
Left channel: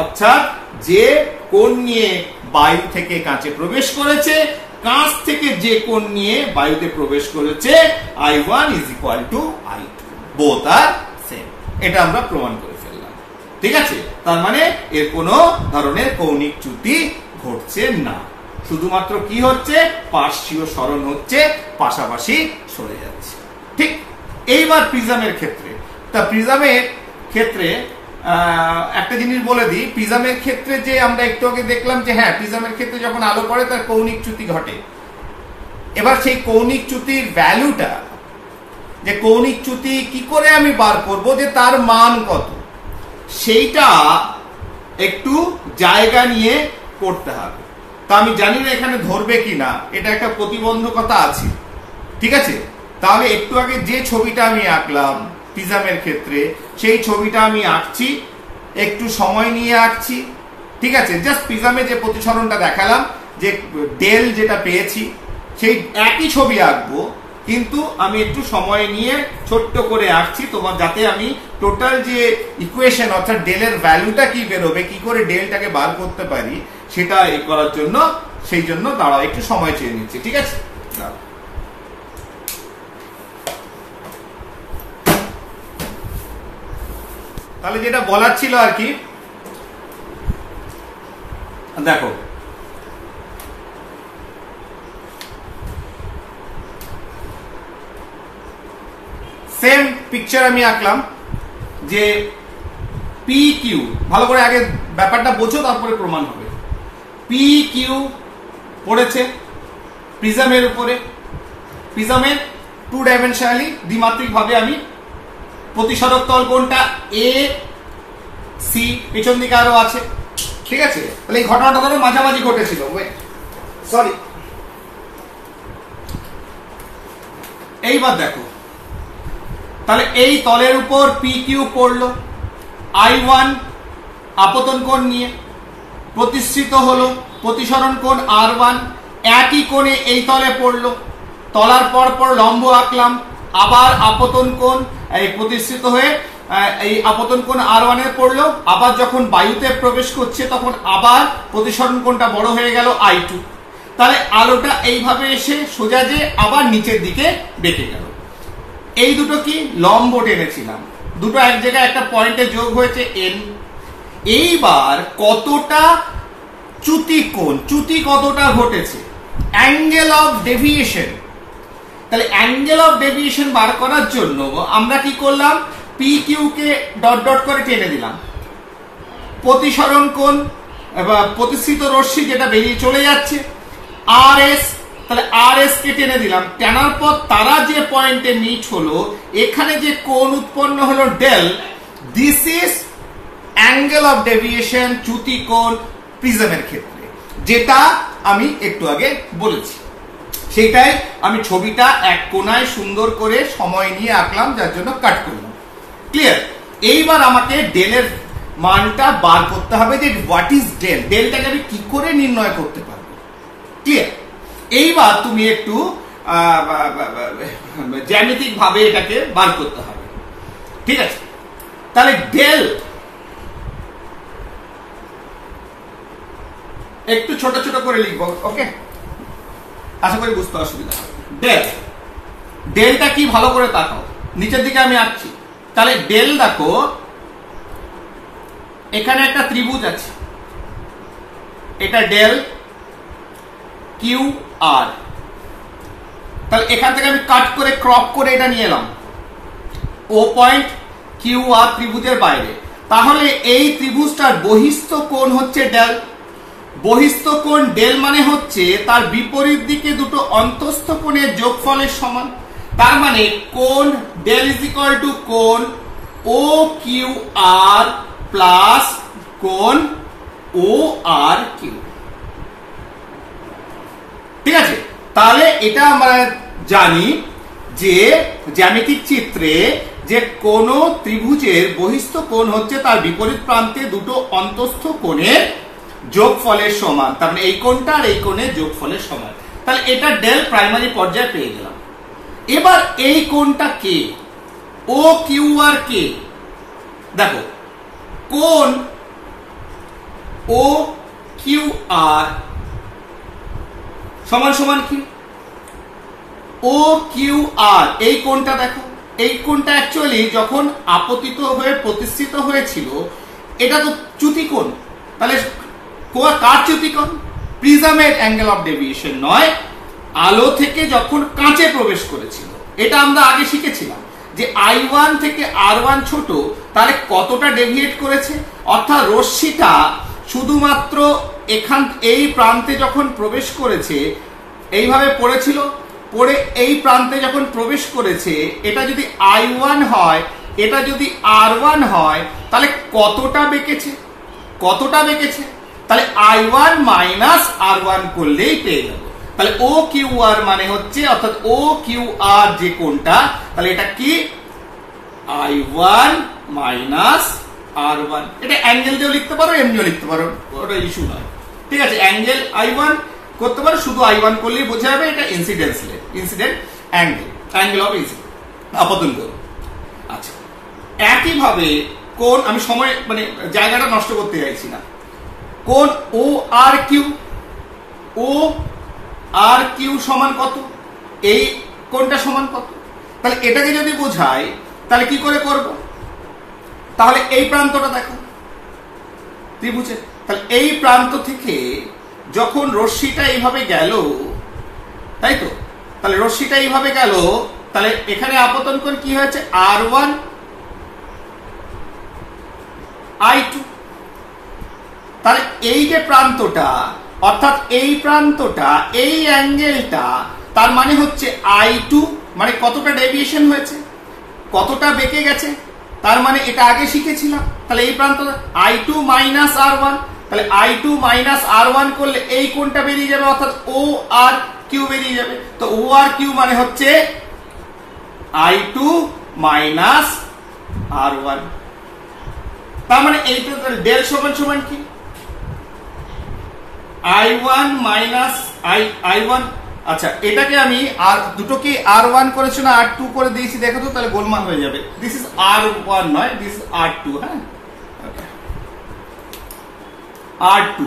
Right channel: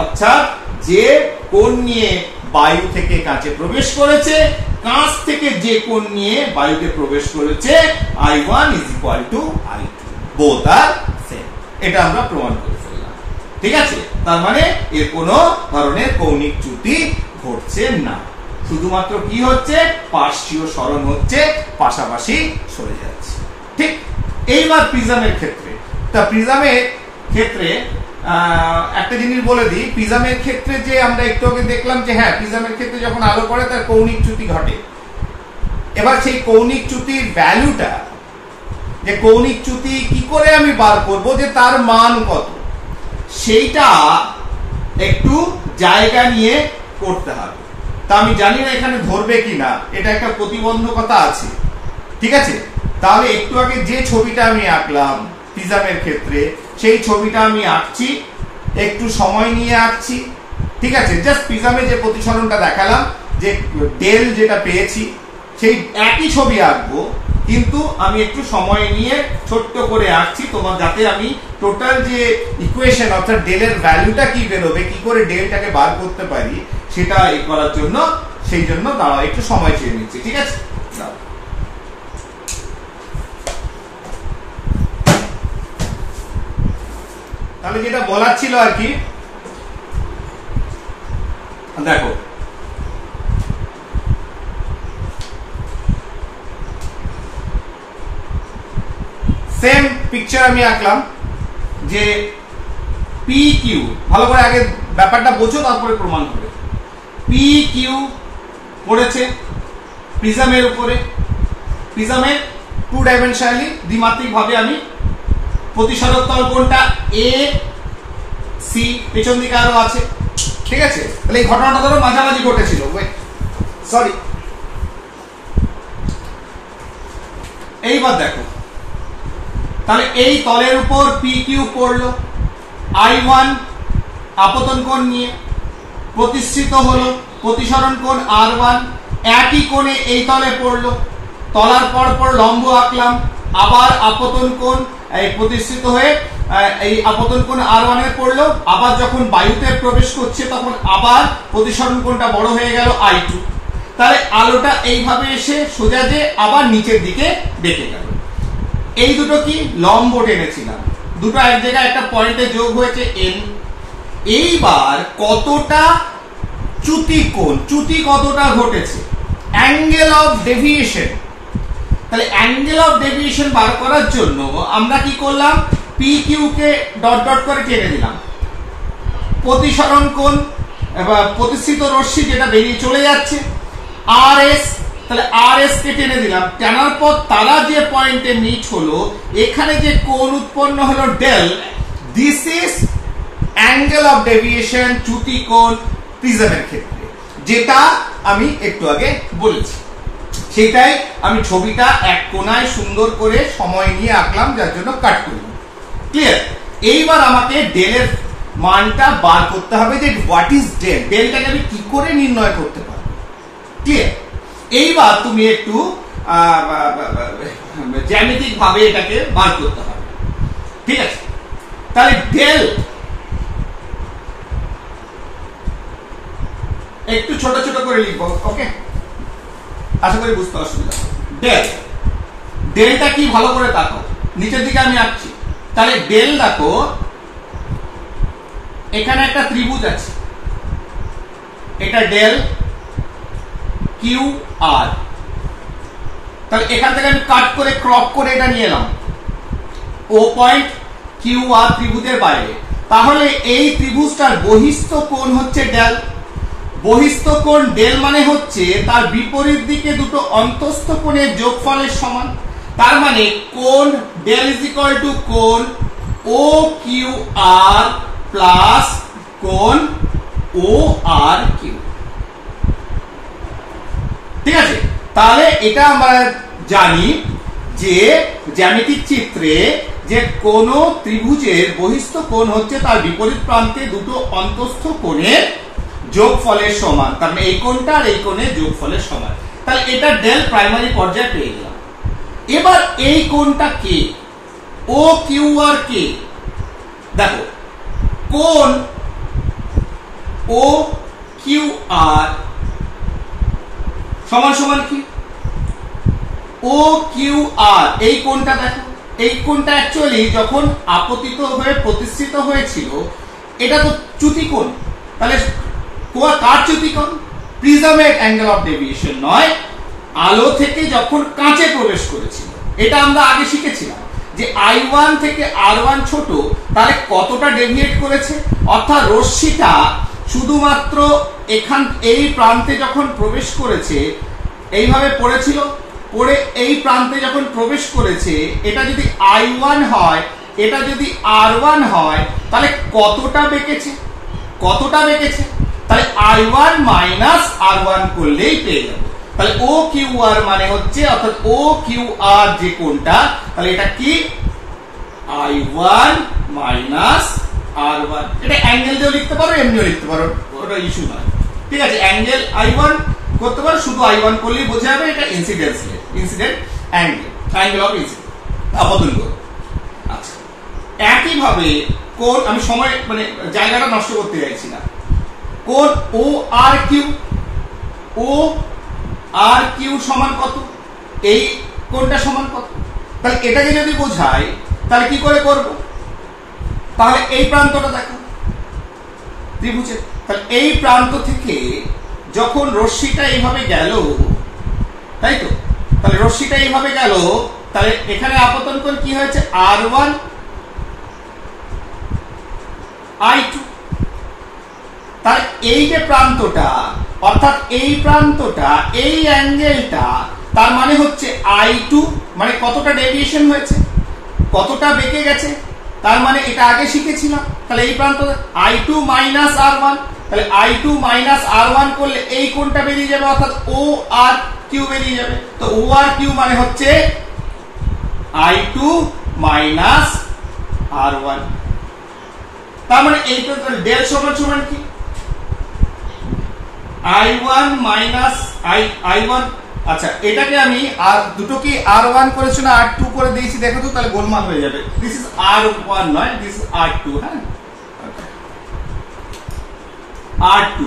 অর্থাৎ যে কোণ নিয়ে বায়ু থেকে কাঁচে প্রবেশ করেছে, কাঁচ থেকে যে কোণ নিয়ে বায়ুতে প্রবেশ করেছে, I1 is equal to I2, both are same। এটা আমরা প্রমাণ করে ফেললাম। ঠিক আছে, তার মানে এর কোনো ধরনের কৌণিক চ্যুতি ঘটছে না, শুধুমাত্র কি হচ্ছে? পার্শ্বীয় সরণ হচ্ছে, পাশাপাশি সরে যাচ্ছে। ঠিক। এইবার প্রিজমের ক্ষেত্রে, তা প্রিজমের ক্ষেত্রে একটা জিনিস বলে দিই, প্রিজমের ক্ষেত্রে যে আমরা একটু আগে দেখলাম যে হ্যাঁ, প্রিজমের ক্ষেত্রে যখন আলো পড়ে তার কৌণিক চ্যুতি ঘটে। এবার সেই কৌণিক চ্যুতির ভ্যালুটা, যে কৌণিক চ্যুতি কি করে আমি বার করব যে তার মান কত, সেইটা একটু জায়গা নিয়ে করতে হবে। তা আমি জানি না এখানে ধরবে কিনা, এটা একটা প্রতিবন্ধকতা আছে। ঠিক আছে, তাহলে একটু আগে যে ছবিটা আমি আঁকলাম প্রিজমের ক্ষেত্রে, সেই ছবিটা আমি আঁকছি, একটু সময় নিয়ে আঁকছি। ঠিক আছে, জাস্ট প্রিজমে যে প্রতিসরণটা দেখালাম, যে ডেল যেটা পেয়েছি, সেই একই ছবি আঁকবো, কিন্তু আমি একটু সময় নিয়ে ছোট্ট করে আঁকছি, তোমার যাতে আমি টোটাল যে ইকুয়েশন অর্থাৎ ডেলের ভ্যালুটা কি বেরোবে, কি করে ডেলটাকে বার করতে পারি, সেটা করার জন্য, সেই জন্য দাঁড়াও একটু সময় চেয়ে নিচ্ছি। ঠিক আছে, তাহলে যেটা বলার ছিল আর কি, দেখো সেম পিকচার আমি আঁকলাম যে পি কিউ, ভালো করে আগে ব্যাপারটা বোঝো তারপরে প্রমাণ হবে। পি কিউ পড়েছে প্রিজমের উপরে, প্রিজমের 2 ডাইমেনশনালি দ্বিমাত্রিক ভাবে আমি প্রতিসরক তল কোনটা? এ সি, পেছন দিকে আরো আছে। ঠিক আছে, তাহলে এই ঘটনাটা ধরো মাঝামাঝি ঘটেছিল, সরি। এইবার দেখো, তাহলে এই তলের উপর পি কিউ পড়লো I1 আপতন কোণ নিয়ে, প্রতিশ্রিত হলো, প্রতিসরণ কোণ R1, একই কোণে এই তলে পড়লো, তলার পর লম্ব আঁকলাম, আবার আপতন কোণ এই প্রতিষ্ঠিত হয়ে এই আপতন কোণ R1 এ পড়লো, আবার যখন বায়ুতে প্রবেশ করছে তখন আবার প্রতিসরণ কোণটা বড় হয়ে গেল I2। তাহলে আলোটা এইভাবে এসে সোজা যে আবার নিচের দিকে বেঁকে গেল। এই দুটো কি লম্ব টেনেছিলাম, দুটো এক জায়গায় একটা পয়েন্টে যোগ হয়েছে n। এইবার কতটা চ্যুতি কোণ, চ্যুতি কতটা ঘটেছে, অ্যাঙ্গেল অফ ডেভিয়েশন। তাহলে অ্যাঙ্গেল অফ ডেভিয়েশন বার করার জন্য আমরা কি করলাম, পি কিউ কে ডট ডট করে টেনে দিলাম, প্রতিসরণ কোণ প্রতিষ্ঠিত রশ্মি যেটা বেরিয়ে চলে যাচ্ছে আর এস, তাহলে আর এস কে টেনে দিলাম, টানার পর তারা যে পয়েন্টে মিট হলো এখানে যে কোণ উৎপন্ন হলো del, this is angle of deviation, চ্যুতি কোণ প্রিজমের ক্ষেত্রে, যেটা আমি একটু আগে বলেছি। সেটাই আমি ছবিটা এক কোণায় সুন্দর করে সময় নিয়ে আঁকলাম, যার জন্য কাট করলাম। ক্লিয়ার? এইবার আমাকে ডেলের মানটা বার করতে হবে যে হোয়াট ইজ ডেল, ডেলটাকে আমি কি করে নির্ণয় করতে পারবো। ক্লিয়ার? এইবার তুমি একটু জ্যামিতিক ভাবে এটাকে বার করতে হবে। ঠিক আছে? তাহলে ডেল একটু ছোট ছোট করে লিখবো, ওকে? আশা করি বুঝতে অসুবিধা হবে। ডেল, ডেলটা কি ভালো করে তাকাও, নিচের দিকে আমি আঁকছি। তাহলে ডেল দেখো, এখানে একটা ত্রিভুজ আছে, এটা ডেল কিউ আর। তাহলে এখান থেকে আমি কাট করে ক্রপ করে এটা নিয়ে এলাম, ও পয়েন্ট কিউ আর ত্রিভুজের বাইরে। তাহলে এই ত্রিভুজটার বহিস্থ কোণ হচ্ছে ডেল। বহিস্থ কোণ ডেল মানে হচ্ছে তার বিপরীত দিকে দুটো অন্তস্থ কোণের যোগফলের সমান। তার মানে কোণ ডেল ইজ ইকুয়াল টু কোণ ও কিউ আর প্লাস কোণ ও আর কিউ। ঠিক আছে? তাহলে এটা আমরা জানি যে জ্যামিতিক চিত্রে যে কোন ত্রিভুজের বহিস্থ কোণ হচ্ছে তার বিপরীত প্রান্তে দুটো অন্তস্থ কোণের যোগফলের সমান। তার মানে এই কোণটা আর এই কোণের যোগফলের সমান। তাহলে এটা ডেল প্রাইমারি পর্যায়ে পেয়ে গেলাম। এবার এই কোণটা কে, ও কিউ আর কে। দেখো কোণ ও কিউ আর সমান সমান কি, ও কিউ আর। এই কোণটা দেখো, এই কোণটা অ্যাকচুয়ালি যখন আপতিত হয়ে প্রতিষ্ঠিত হয়েছিল এটা তো চ্যুতি কোণ। তাহলে কার চ্যুতি কোণ? প্রিজমের অ্যাঙ্গেল অফ ডেভিয়েশন নয়, আলো থেকে যখন কাঁচে প্রবেশ করেছিল। এটা আমরা আগে শিখেছিলাম যে I1 থেকে R1 ছোট, তাহলে কতটা ডেভিয়েট করেছে। অর্থাৎ রশ্মিটা শুধুমাত্র এখান এই প্রান্তে যখন প্রবেশ করেছে, এইভাবে পড়েছিল, পড়ে এই প্রান্তে যখন প্রবেশ করেছে, এটা যদি I1 হয়, এটা যদি R1 হয়, তাহলে কতটা বেঁকেছে, কতটা বেঁকেছে। তাহলে I1 মাইনাস R1 করলেই পেয়ে যাবো। তাহলে ও কিউ আর মানে হচ্ছে, অর্থাৎ ও কিউ আর যে কোণটা, তাহলে এটা কি I1 মাইনাস R1। এটা অ্যাঙ্গেল দিয়েও লিখতে পারো, এমনিও লিখতে পারো, ওটা ইস্যু নয়। ঠিক আছে? অ্যাঙ্গেল I1 করতে পারো, শুধু I1 করলেই বোঝা যাবে এটা incidence angle, angle of incidence, আপতন কোণ। আচ্ছা, একইভাবে কোণ, আমি সময় মানে জায়গাটা নষ্ট করতে চাইছি না, কোণ ও আর কিউ, ও আর কিউ সমান কত, এই কোণটা সমান কত। তাহলে এটাকে যদি বোঝাই তাহলে কি করে করব, তাহলে এই প্রান্তটা দেখো ত্রিভুজের, তাহলে এই প্রান্ত থেকে যখন রশ্মিটা এইভাবে গেল, তাই তো, তাহলে রশ্মিটা এইভাবে গেল, তাহলে এখানে আপতন কোণ কি হয়েছে, R1 I2। তাহলে এই যে প্রান্তটা, অর্থাৎ এই প্রান্তটা, এই অ্যাঙ্গেলটা, তার মানে হচ্ছে I2 মানে কতটা ডেভিয়েশন হয়েছে, কতটা বেঁকে গেছে, তার মানে এটা আগে শিখেছিলাম। তাহলে এই প্রান্ত I2 মাইনাস R1, তাহলে I2 মাইনাস R1 করলে এই কোণটা বেরিয়ে যাবে, অর্থাৎ ও আর কিউ বেরিয়ে যাবে। তো ও আর কিউ মানে হচ্ছে I2 মাইনাস R1। তার মানে এইটা ডেল সমান সমান কি, I1 মাইনাস I1, আচ্ছা এটাকে আমি আর দুটো কি R1 করেছি না R2 করে দিয়েছি দেখো তো, তাহলে গোলমাল হয়ে যাবে। দিস ইজ R1 নয়, দিস ইজ R2, হ্যাঁ R2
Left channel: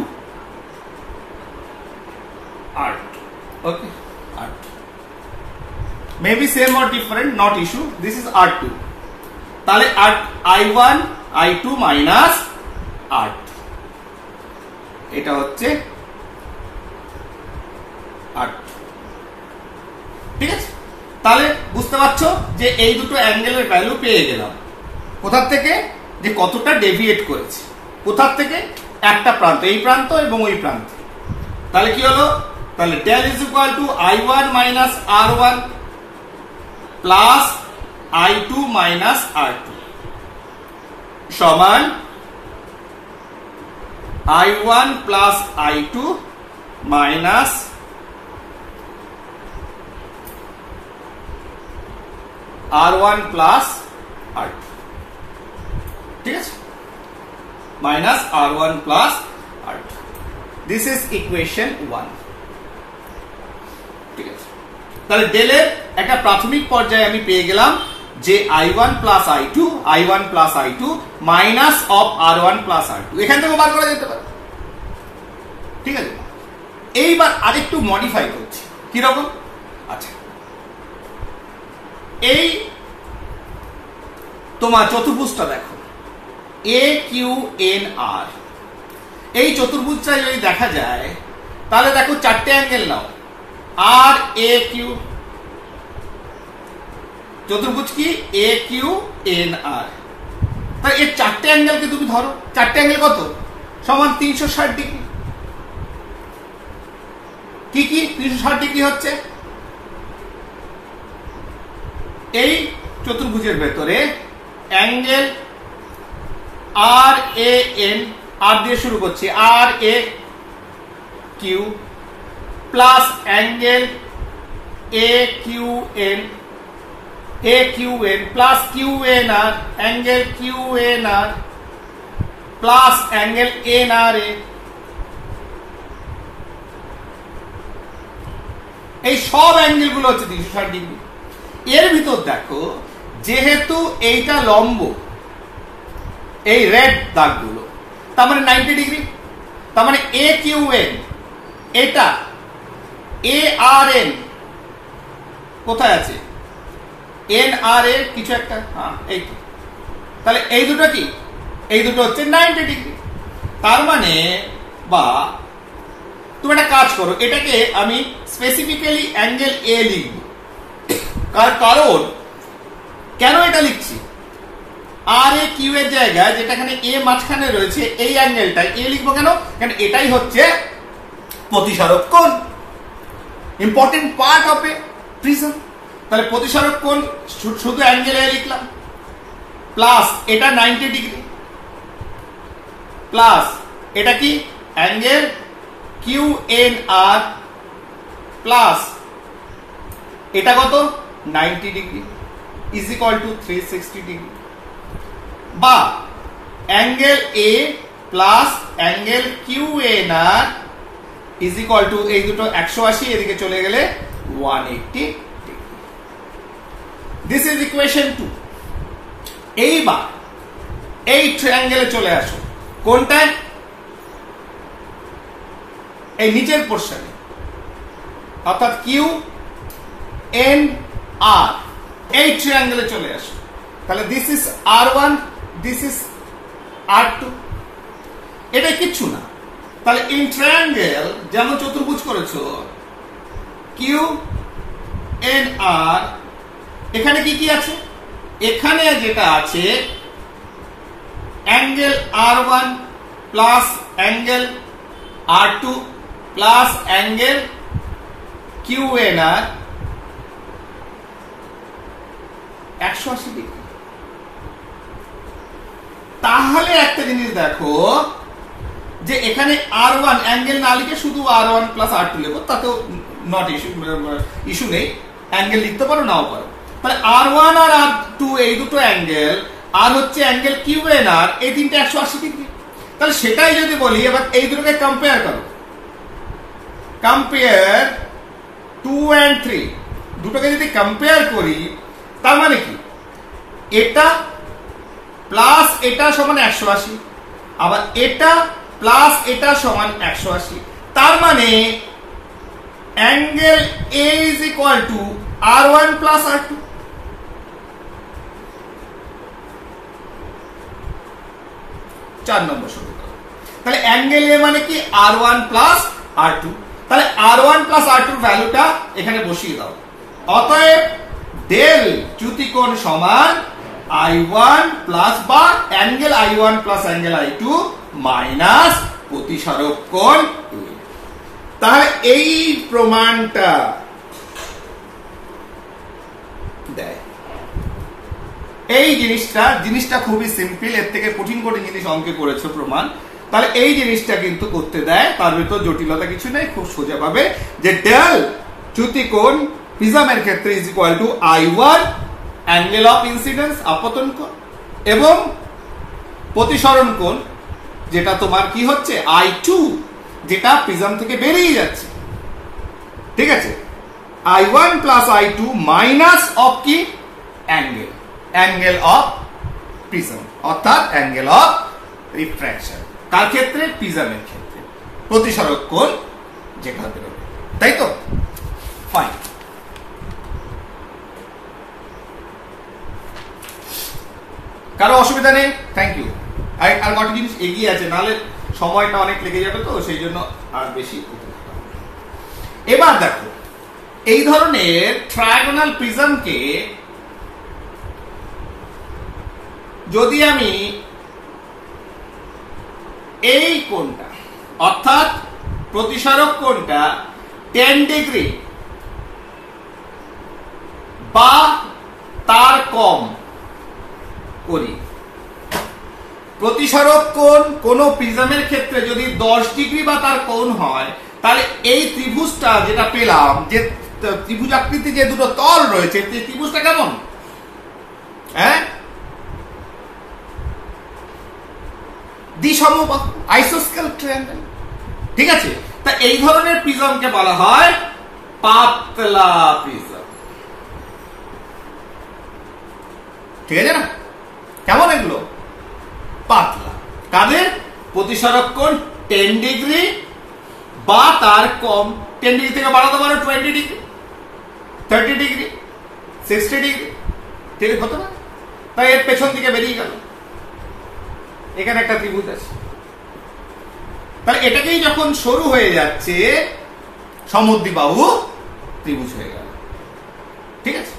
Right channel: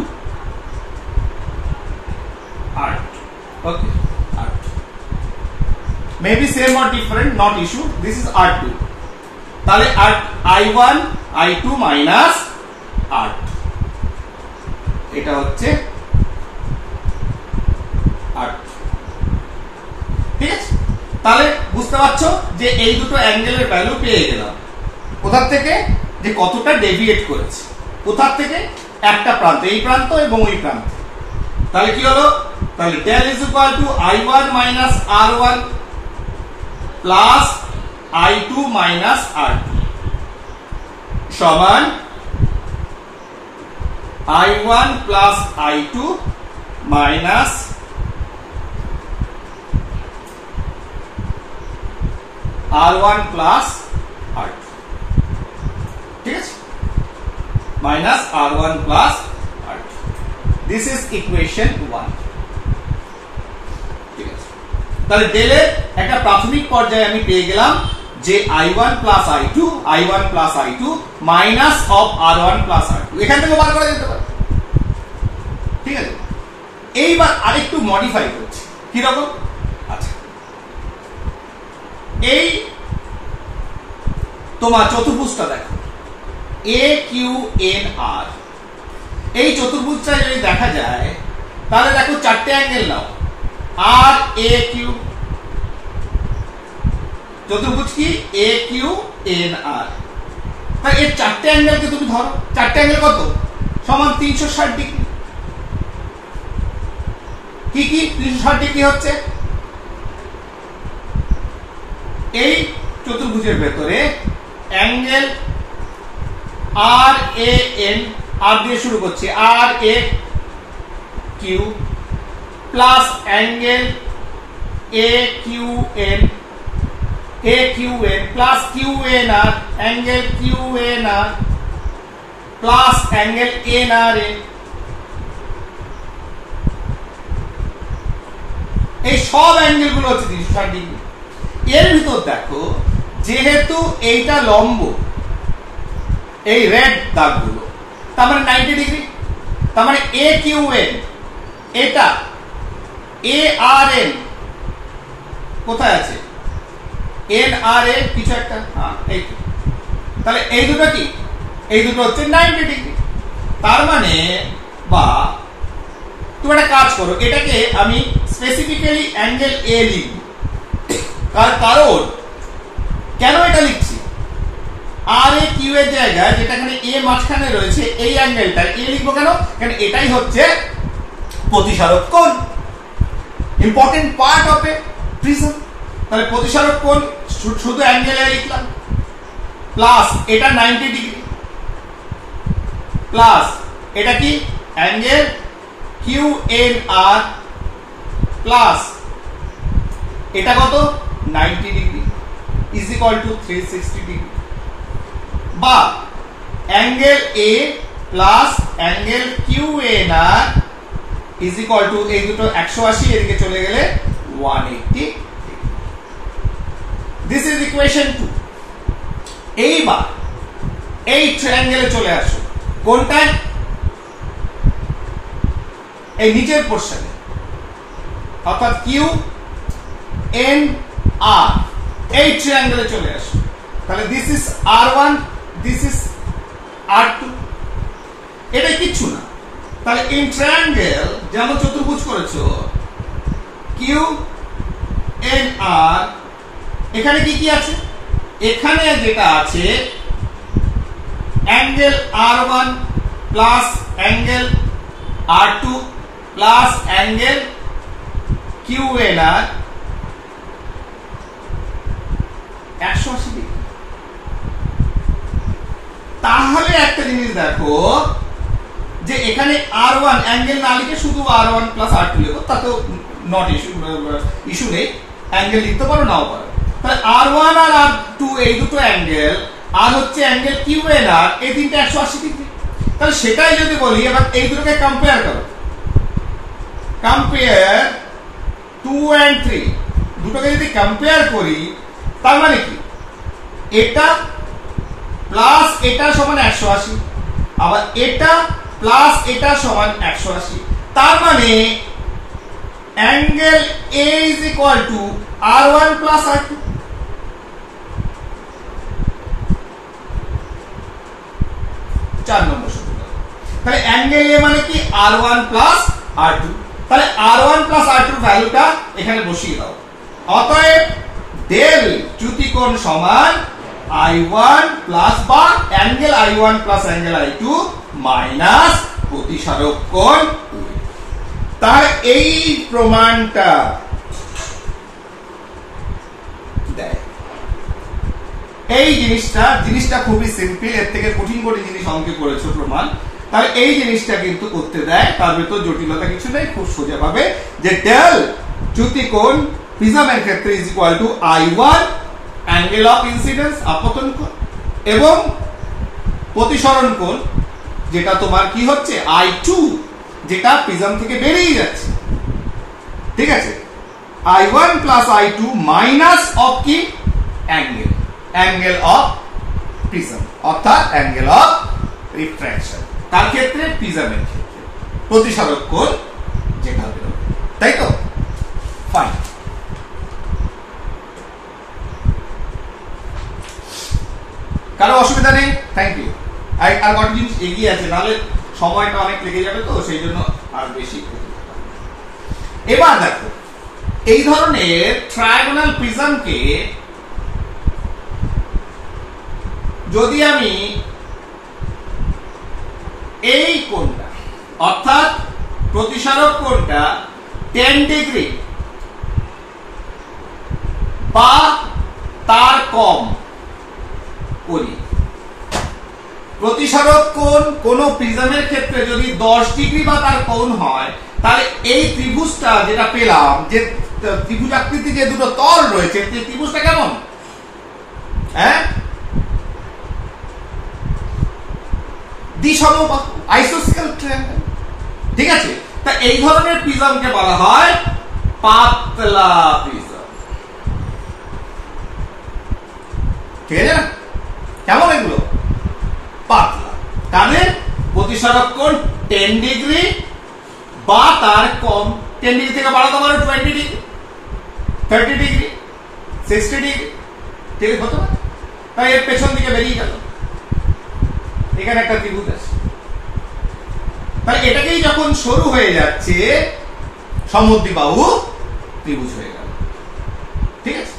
okay, R2 maybe same or different, not issue, this is R2, তাহলে I1 I2 মাইনাস R2, এটা হচ্ছে R2, ঠিক আছে। তাহলে বুঝতে পারছো যে এই দুটো অ্যাঙ্গেলের ভ্যালু পেয়ে গেলাম কোথা থেকে, যে কতটা ডেভিয়েট করেছে, কোথা থেকে, একটা প্রান্ত, এই প্রান্ত এবং ওই প্রান্ত। তাহলে কি হলো, তাহলে del is equal to I1 minus R1 plus I2 minus R2 সমান I1 plus I2 minus R1 plus R2, ঠিক আছে, minus R1 plus R2, this is equation 1, ঠিক আছে। তাহলে ডেলের একটা প্রাথমিক পর্যায়ে আমি পেয়ে গেলাম যে I1 plus I2 minus of R1 plus R2, এখান থেকে বার করা যেতে পারে, ঠিক আছে। এইবার আরেকটু মডিফাই করছি, কি রকম, আচ্ছা এই তোমার চতুর্ভুজটা দেখো AQNR, এই চতুর্ভুজটা যদি দেখা যায় তাহলে দেখো চারটে অ্যাঙ্গেল নাও, RAQ, চতুর্ভুজ কি AQNR, তাই এই চারটে অ্যাঙ্গেলকে তুমি ধরো, চারটে অ্যাঙ্গেল কত, সমান 360 ডিগ্রি। কি কি 360 ডিগ্রি হচ্ছে, এই চতুর্ভুজের ভেতরে অ্যাঙ্গেল RAN, আর দিয়ে শুরু করছি, RAQ plus angle AQN plus QNR, angle QNR plus angle NRA, এই সব অ্যাঙ্গেল গুলো হচ্ছে 360 ডিগ্রি। এর ভিতর দেখো যেহেতু এইটা লম্ব, এই রেড দাগগুলো তার মানে 90 ডিগ্রি, তার মানে AQN, এটা ARN কোথায় আছে, NRA কিছু একটা, হ্যাঁ এই, তাহলে এই দুটো কি, এই দুটো হচ্ছে 90 ডিগ্রি। তার মানে বা তুমি একটা কাজ করো, এটাকে আমি স্পেসিফিক্যালি অ্যাঙ্গেল A লিখব, কারণ কেন এটা লিখছি, RAQ এর জায়গায় যেটা এখানে A মাঝখানে রয়েছে এই অ্যাঙ্গেলটা A লিখবো কেন, কারণ এটাই হচ্ছে প্রতিসারক কোণ, important part of A prism. তাহলে প্রতিসারক কোণ শুধু অ্যাঙ্গেল A লিখলাম, প্লাস এটা 90 ডিগ্রি, প্লাস এটা কি অ্যাঙ্গেল QNR, প্লাস এটা কত 90 degree is equal to 360 degree, বা angle A plus angle QNR is equal to, এই দুটো 180 এদিকে চলে গেলে 180 ডিগ্রি। This is equation 2। এইবার এই ট্রায়াঙ্গেলে চলে আসো, কোনটায়, এই নিচের পোর্শনে, অর্থাৎ QNR, এই ট্রায়াঙ্গেলে চলে আসো। তাহলে this is R1, this is R2, এটা কিচ্ছু না। তাহলে ইন ট্রায়াঙ্গেল যেমন চতুর্ভুজ করেছো QNR, এখানে কি কি আছে, এখানে যেটা আছে angle R1 plus angle R2 plus angle QNR 180 degree. তাহলে একটা জিনিস দেখো যে এখানে R1 অ্যাঙ্গেল না লিখে শুধু R1 প্লাস R2 লিখো, তাতেও নট ইস্যু নেই, অ্যাঙ্গেল লিখতে পারো নাও পারো। তাহলে R1 আর R2 এই দুটো অ্যাঙ্গেল, আর হচ্ছে অ্যাঙ্গেল QNR, এই তিনটা 180 ডিগ্রি। তাহলে সেটাই যদি বলি, এবার এই দুটোকে কম্পেয়ার করো, কম্পেয়ার 2 and 3 দুটোকে যদি কম্পেয়ার করি তার মানে কি এটা প্লাস এটা সমান 180 আবার এটা প্লাস এটা সমান 180 তার মানে angle A is equal to R1 plus R2 4 নম্বর সূত্র তাহলে অ্যাঙ্গেল A মানে কি R1 plus R2 তাহলে R1 plus R2 এর ভ্যালুটা এখানে বসিয়ে দাও অতএব ডেল চ্যুতিকোণ সমান I1 প্লাস বা angle I1 plus angle I2 minus প্রতিসারক কোণ A তাহলে এই প্রমাণটা দেয় এই জিনিসটা খুবই সিম্পল এর থেকে কঠিন জিনিস অঙ্কে করেছো প্রমাণ তাহলে এই জিনিসটা কিন্তু করতে দেয় তার ভিতর জটিলতা কিছু নেই খুব সোজা ভাবে যে ডেল চ্যুতিকোণ প্রিজমের ক্ষেত্রে is equal to I1 angle of incidence আপতন কোণ এবং প্রতিসরণ কোণ যেটা তোমার কি হচ্ছে I2 যেটা প্রিজম থেকে বেরিয়ে যাচ্ছে ঠিক আছে I1 plus I2 minus of কি অ্যাঙ্গেল অফ প্রিজম অর্থাৎ অ্যাঙ্গেল অফ রিফ্র্যাকশন কার ক্ষেত্রে প্রিজমের ক্ষেত্রে প্রতিসারক কোণ যেটা বেরোবে তাই তো ফাইন কারো অসুবিধা নেই থ্যাংক ইউ আর কত জিনিস এগিয়ে আছে নাহলে সময়টা অনেক লেগে যাবে তো সেই জন্য আর বেশি এবার দেখো এই ধরনের ট্রায়াগোনাল প্রিজমকে যদি আমি এই কোণটা অর্থাৎ প্রতিসারক কোণটা 10 ডিগ্রি বা তার কম করি প্রতিসারক কোণ কোন প্রিজমের ক্ষেত্রে যদি 10 ডিগ্রি বা তার কোণ হয় তাহলে এই ত্রিভুজটা যেটা পেলাম যে ত্রিভুজাকৃতি যে দুটো তল রয়েছে সেই ত্রিভুজটা কেমন হ্যাঁ দ্বিসমবাহু আইসোস্কেল ট্রায়াঙ্গেল ঠিক আছে তা এই ধরনের প্রিজমকে বলা হয় পাতলা প্রিজম ঠিক আছে না কেমন এগুলো পাতলা তাহলে প্রতিসারক কোণ 10 ডিগ্রি বা তার কম 10 ডিগ্রি থেকে বাড়াতে পারো 20 ডিগ্রি 30 ডিগ্রি 60 ডিগ্রি ঠিক হতে পারে তাই এর পেছন দিকে বেরিয়ে গেল এখানে একটা ত্রিভুজ আছে তাহলে এটাকেই যখন সরু হয়ে যাচ্ছে সমদ্বিবাহু ত্রিভুজ হয়ে গেল ঠিক আছে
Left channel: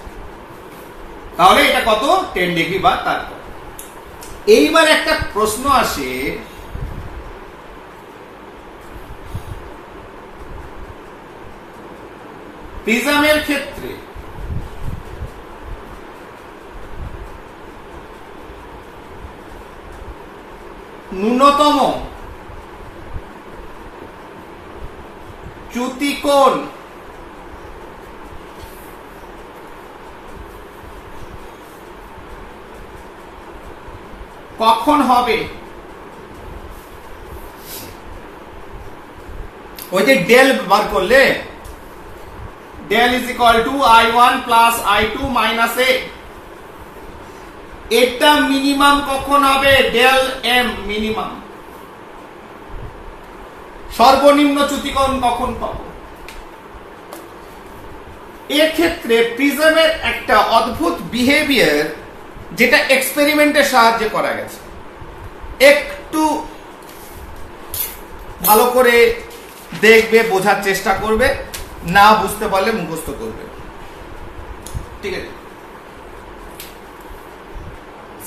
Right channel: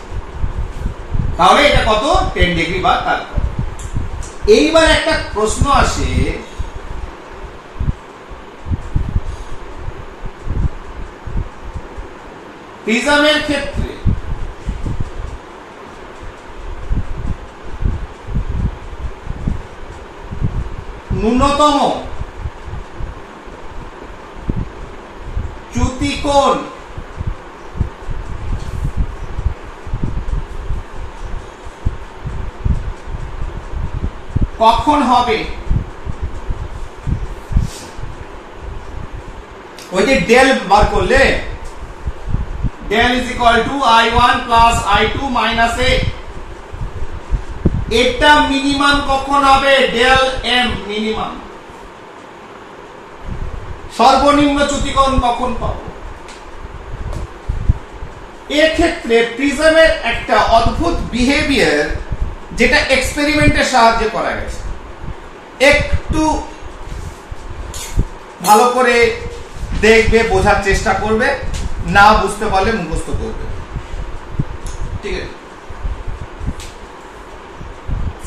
তাহলে এটা কত 10 ডিগ্রি বা তার কম এইবার একটা প্রশ্ন আসে প্রিজমের ক্ষেত্রে ন্যূনতম চ্যুতিকোণ কখন হবে ওই যে ডেল বার করলে del is equal to I1 plus I2 minus A এটা মিনিমাম কখন হবে ডেল এম মিনিমাম সর্বনিম্ন চ্যুতিকোণ কখন পাবো এক্ষেত্রে প্রিজমের একটা অদ্ভুত বিহেভিয়ার যেটা এক্সপেরিমেন্টের সাহায্যে করা গেছে একটু ভালো করে দেখবে বোঝার চেষ্টা করবে না বুঝতে পারলে মুখস্থ করবে ঠিক আছে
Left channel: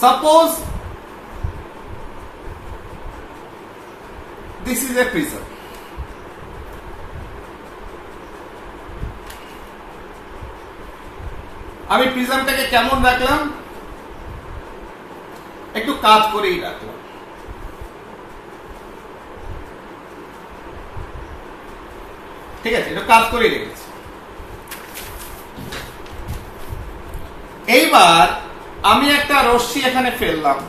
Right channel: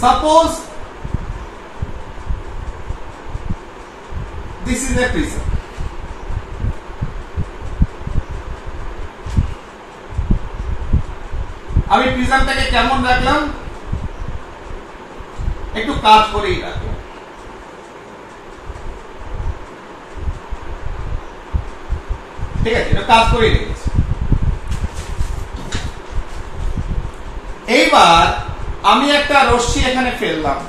suppose this is a prism আমি প্রিজমটাকে কেমন রাখলাম একটু কাজ করেই রাখলাম ঠিক আছে এটা কাজ করেই রেখেছি এইবার আমি একটা রশ্মি এখানে ফেললাম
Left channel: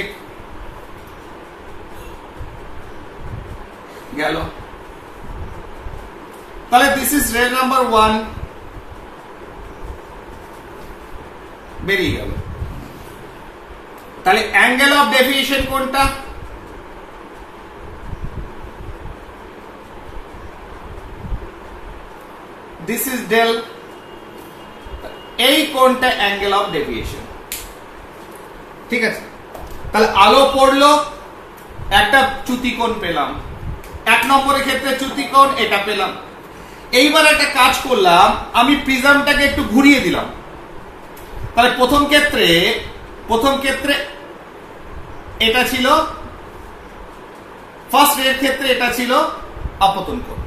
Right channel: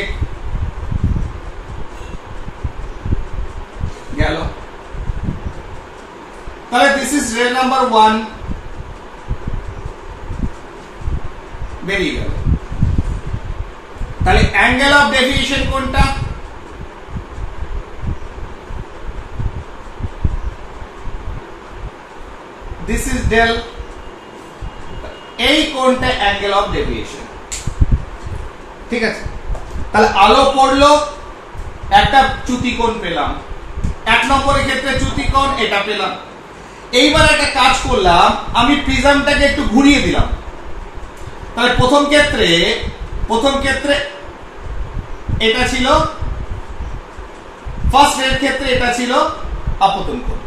চেক গেল। তাহলে দিস ইজ রে নাম্বার 1 বেরিয়ে গেল। তাহলে অ্যাঙ্গেল অফ ডেভিয়েশন কোনটা? This is del. এই কোনটা অ্যাঙ্গেল অফ ডেভিয়েশন। ঠিক আছে, তাহলে আলো পড়লো, একটা চ্যুতিকোণ পেলাম, 1 নম্বরের ক্ষেত্রে চ্যুতিকোণ এটা পেলাম। এইবার একটা কাজ করলাম, আমি প্রিজমটাকে একটু ঘুরিয়ে দিলাম। তাহলে প্রথম ক্ষেত্রে এটা ছিল, ফার্স্ট রের ক্ষেত্রে এটা ছিল আপতন কোণ।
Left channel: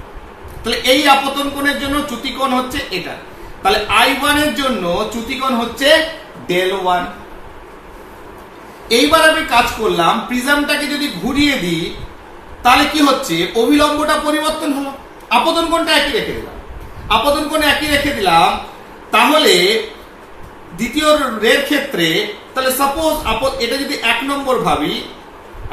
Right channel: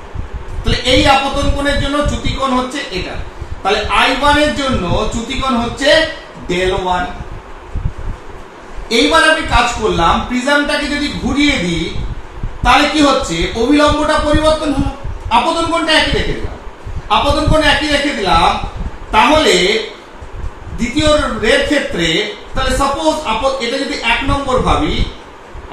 তাহলে এই আপতন কোণের জন্য চ্যুতিকোণ হচ্ছে এটা। তাহলে I1 এর জন্য চ্যুতিকোণ হচ্ছে ডেল 1। এইবার আমি কাজ করলাম, প্রিজমটাকে যদি ঘুরিয়ে দিই তাহলে কি হচ্ছে, অভিলম্বটা পরিবর্তন হলো, আপতন কোণটা একই রেখে দিলাম। তাহলে দ্বিতীয় রের ক্ষেত্রে, তাহলে সাপোজ এটা যদি 1 নম্বর ভাবি,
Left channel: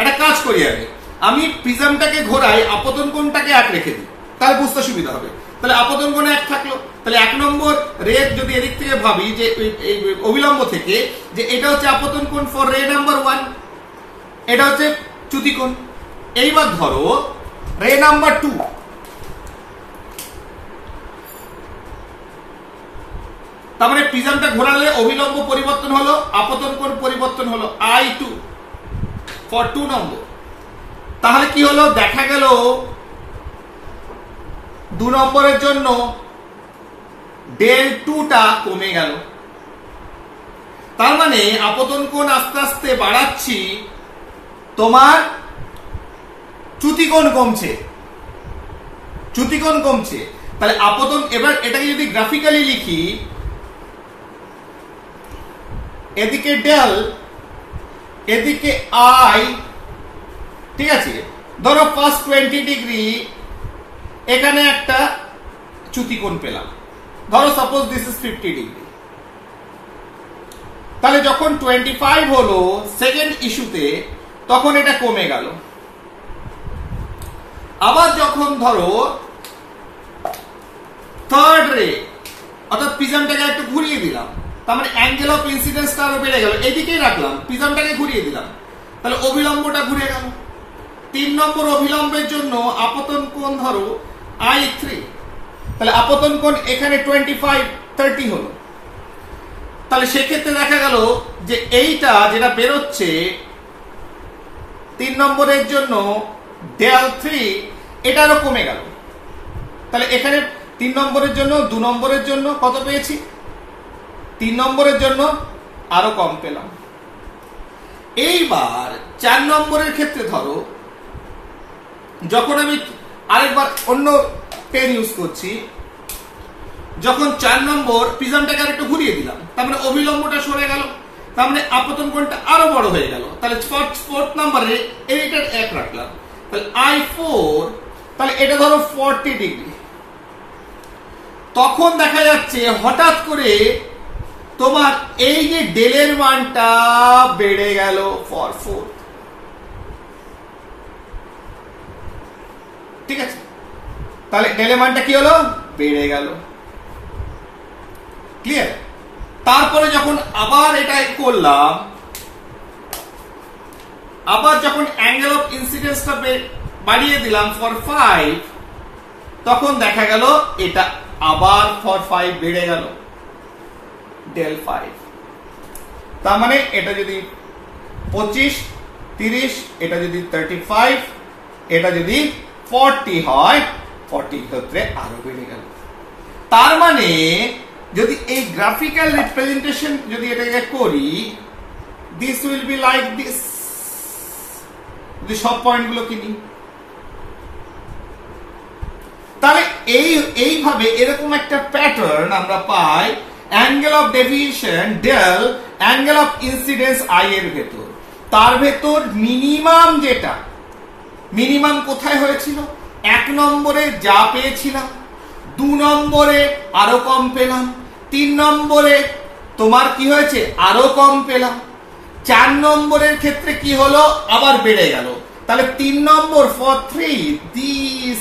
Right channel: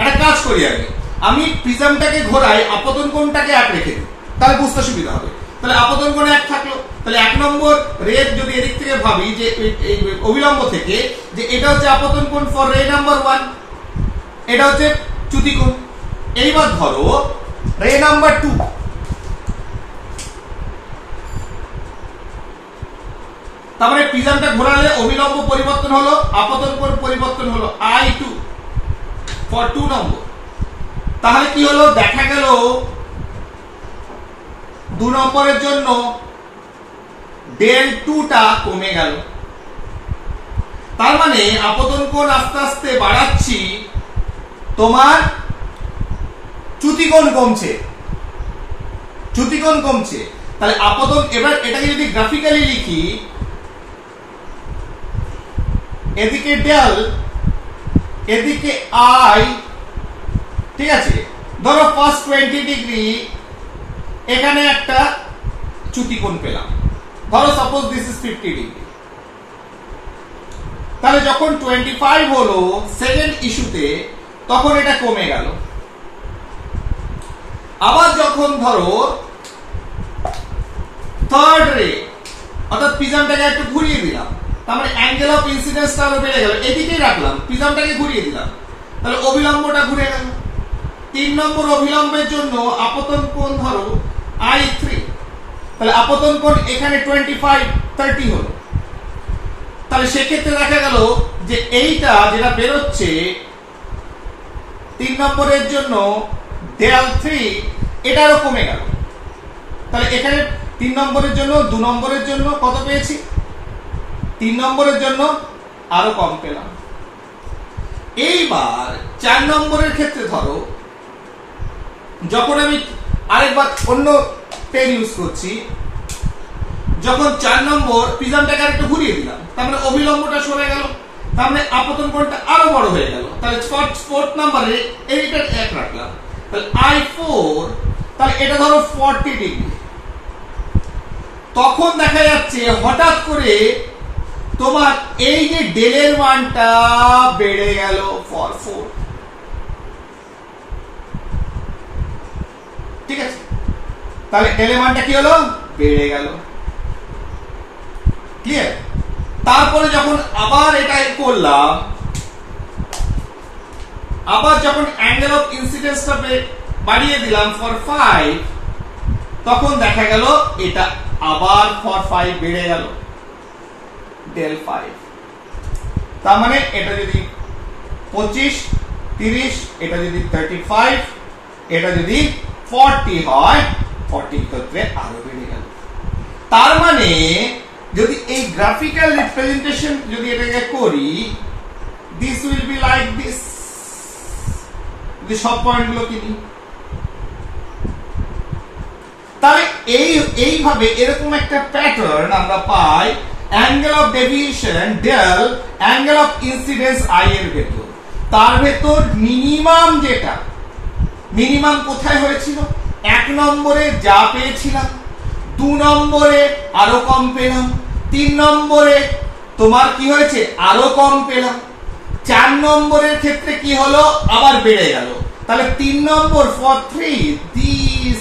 একটা কাজ করি আগে, আমি প্রিজমটাকে ঘোরাই, আপতন কোণটাকে 1 রেখে দিই, তাহলে বুঝতে সুবিধা হবে। তাহলে আপতন কোণ 1 থাকলো। তাহলে 1 নম্বর রের যদি এদিক থেকে ভাবি, যে অভিলম্ব থেকে, যে এটা হচ্ছে আপতন কোণ ফর রে নাম্বার 1, এটা হচ্ছে চ্যুতিকোণ। এইবার ধরো রে নাম্বার 2, তার মানে প্রিজমটা ঘোরালে অভিলম্ব পরিবর্তন হলো, আপতন কোণ পরিবর্তন হলো, I2 ফর 2 নম্বর। তাহলে কি হলো, দেখা গেল 2 নম্বরের জন্য ডেল 2টা কমে গেল। তার মানে আপতন কোণ আস্তে আস্তে বাড়াচ্ছি, তোমার চ্যুতিকোণ কমছে। তাহলে আপতন, এবার এটাকে যদি গ্রাফিক্যালি লিখি, এদিকে ডেল, এদিকে I, ঠিক আছে, ধরো ফার্স্ট 20 ডিগ্রি, এখানে একটা চ্যুতিকোণ পেলাম, ধরো সাপোজ দিস ইজ 50 ডিগ্রি। তাহলে যখন 25 হলো সেকেন্ড ইস্যুতে, তখন এটা কমে গেল। আবার যখন ধরো থার্ড রে, অর্থাৎ প্রিজমটাকে একটু ঘুরিয়ে দিলাম, তার মানে অ্যাঙ্গেল অফ ইনসিডেন্সটা আরো বেড়ে গেল, এইদিকেই রাখলাম, প্রিজমটাকে ঘুরিয়ে দিলাম, তাহলে অভিলম্বটা ঘুরে গেল। 3 নম্বর অভিলম্বের জন্য আপতন কোণ ধরো I3, তাহলে আপতন কোণ এখানে 25 30 হলো। তাহলে সেক্ষেত্রে দেখা গেল যে এইটা যেটা বেরোচ্ছে 3 নম্বরের জন্য ডেল 3, এটা আরো কমে গেল। তাহলে এখানে 3 নম্বরের জন্য, 2 নম্বরের জন্য কত পেয়েছি, 3 নম্বরের জন্য আরো কম পেলাম। এইবার 4 নম্বরের ক্ষেত্রে ধরো, যখন আমি আরেকবার অন্য পেন ইউজ করছি, যখন 4 নম্বর প্রিজমটাকে আরেকটু ঘুরিয়ে দিলাম, তার মানে অভিলম্বটা সরে গেল, তার মানে আপতন কোণটা আরো বড় হয়ে গেল। তাহলে 4th নম্বরে এইটা 1 রাখলাম, তাহলে I4, তাহলে এটা ধরো 40 ডিগ্রি। তখন দেখা যাচ্ছে হঠাৎ করে তোমার এই যে ডেলের মানটা বেড়ে গেল ফর 4, ঠিক আছে। তাহলে ডেলের মানটা কি হলো, বেড়ে গেল, ক্লিয়ার। তারপরে যখন আবার এটাই করলাম, আবার যখন অ্যাঙ্গেল অফ ইনসিডেন্সটা বাড়িয়ে দিলাম ফর 5, তখন দেখা গেল এটা আবার ফর 5 বেড়ে গেল, ডেল 5। তার মানে এটা যদি 25 30, এটা যদি 35, এটা যদি 40 হয়, 40 ক্ষেত্রে আরো বেড়ে গেল। তার মানে যদি এই গ্রাফিক্যাল রিপ্রেজেন্টেশন যদি এটাকে করি, this will be like this, যদি সব পয়েন্টগুলো কিনি, তাহলে এইভাবে এরকম একটা প্যাটার্ন আমরা পাই angle of deviation del, angle of incidence I এর ভেতর। তার ভেতর মিনিমাম, যেটা মিনিমাম কোথায় হয়েছিল, 1 নম্বরে যা পেয়েছিলাম, 2 নম্বরে আরো কম পেলাম, 3 নম্বরে তোমার কি হয়েছে, আরো কম পেলাম, 4 নম্বরের ক্ষেত্রে কি হলো, আবার বেড়ে গেল। তাহলে 3 নম্বর ফর 3 দিস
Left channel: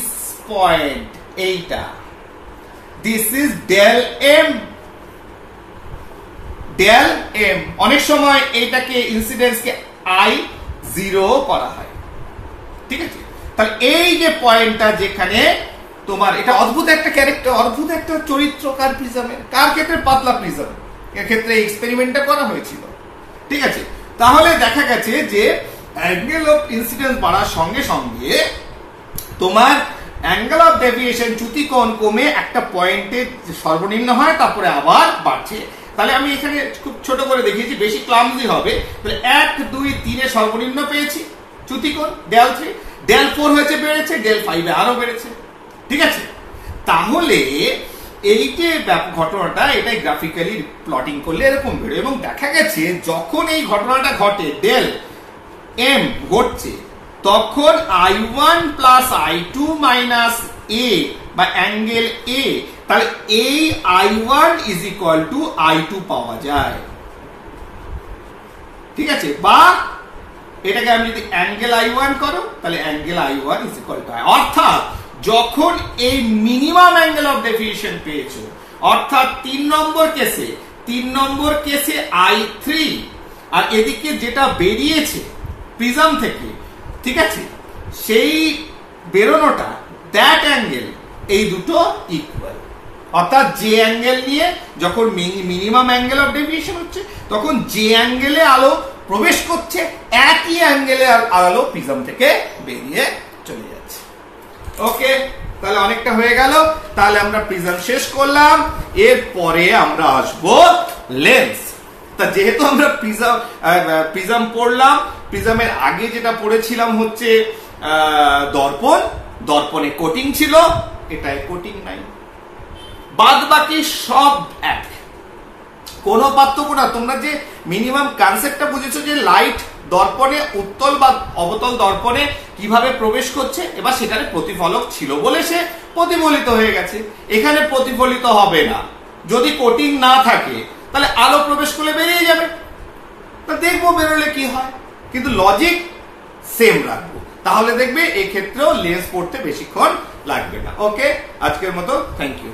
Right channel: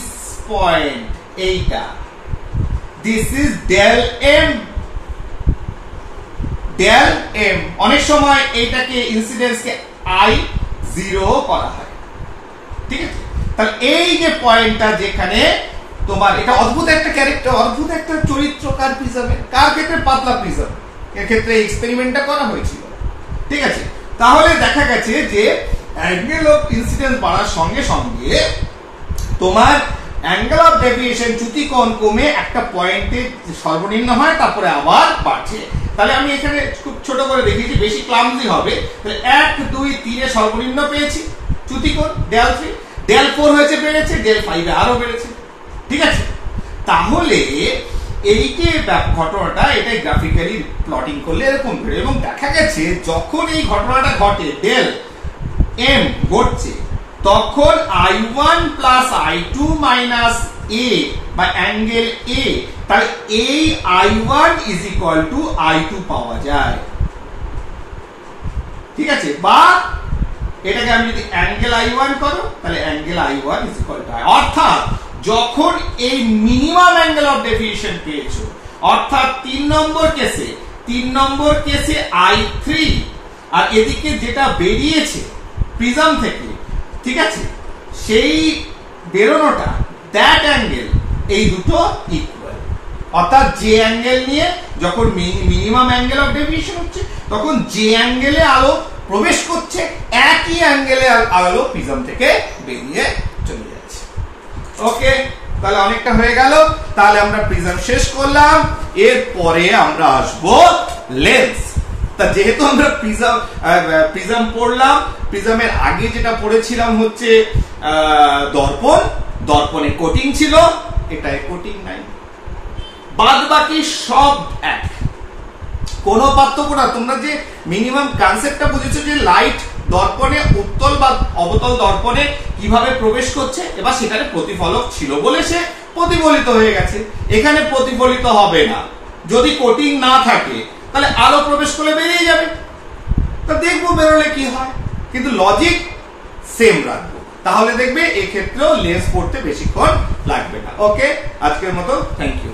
পয়েন্ট, এইটা this is del M, del M. অনেক সময় এইটাকে ইনসিডেন্সকে I0 করা হয়, ঠিক আছে। তাহলে এই যে পয়েন্টটা যেখানে তোমার, এটা অদ্ভুত একটা ক্যারেক্টার, অদ্ভুত একটা চরিত্রকার প্রিজমের। কার ক্ষেত্রে? পাতলা প্রিজম এর ক্ষেত্রে এক্সপেরিমেন্টটা করা হয়েছিল, ঠিক আছে। তাহলে দেখা গেছে যে অ্যাঙ্গেল অফ ইনসিডেন্স বাড়ার সঙ্গে সঙ্গে তোমার অ্যাঙ্গেল অফ ডেভিয়েশন, চ্যুতিকোণ কমে একটা পয়েন্টে সর্বনিম্ন হয়, তারপরে আবার বাড়ছে। তাহলে আমি এখানে খুব ছোট করে দেখিয়েছি, বেশি ক্লামজি হবে। তাহলে 1 2 3 এ সর্বনিম্ন পেয়েছি চ্যুতিকোণ, ডেল 3, ডেল 4 হয়েছে, বেড়েছে, ডেল 5 এ আরো বেড়েছে, ঠিক আছে। তাহলে এই যে ঘটনাটা, এটাই গ্রাফিক্যালি প্লটিং করলে এরকম বেরোয়। এবং দেখা গেছে যখন এই ঘটনাটা ঘটে, ডেল এম ঘটছে, তখন I1 প্লাস I2 মাইনাস এ বা অ্যাঙ্গেল এ, তাহলে এই I1 is equal two I2 পাওয়া যায়, ঠিক আছে। বা এটাকে আমি যদি অ্যাঙ্গেল I1 করো, তাহলে angle I1 is equal two I। অর্থাৎ যখন এই মিনিমাম অ্যাঙ্গেল অফ ডেভিয়েশন পেয়েছো, অর্থাৎ 3 নম্বর কেসে I3, আর এদিকে যেটা বেরিয়েছে প্রিজম থেকে, ঠিক আছে, সেই বেরোনোটা, দ্যাট অ্যাঙ্গেল, এই দুটো ইকুয়াল। অর্থাৎ যে অ্যাঙ্গেল নিয়ে যখন মিনিমাম অ্যাঙ্গেল অফ ডেভিয়েশন হচ্ছে, তখন যে অ্যাঙ্গেলে আলো প্রবেশ করছে, একই অ্যাঙ্গেলে আলো প্রিজম থেকে বেরিয়ে চলে যাচ্ছে। ওকে, তাহলে অনেকটা হয়ে গেল। তাহলে আমরা প্রিজম শেষ করলাম, এরপরে আমরা আসবো লেন্স। তা যেহেতু আমরা প্রিজম পড়লাম, প্রিজমের আগে যেটা পড়েছিলাম হচ্ছে দর্পণ, দর্পণে কোটিং ছিল, এটায় কোটিং নাই, বাদ বাকি সব এক, কোনো পার্থক্য না। তোমরা যে মিনিমাম কনসেপ্টটা বুঝেছো যে লাইট দর্পণে, উত্তল বা অবতল দর্পণে কিভাবে প্রবেশ করছে, এবার সেখানে প্রতিফলক ছিল বলে সে প্রতিফলিত হয়ে গেছে। এখানে প্রতিফলিত হবে না, যদি কোটিং না থাকে, তাহলে আলো প্রবেশ করলে বেরিয়ে যাবে। তা দেখবো বেরোলে কি হয়, কিন্তু লজিক সেম রাখবো, তাহলে দেখবে এক্ষেত্রেও লেন্স পড়তে বেশিক্ষণ লাগবে না। ওকে, আজকের মতো থ্যাংক ইউ।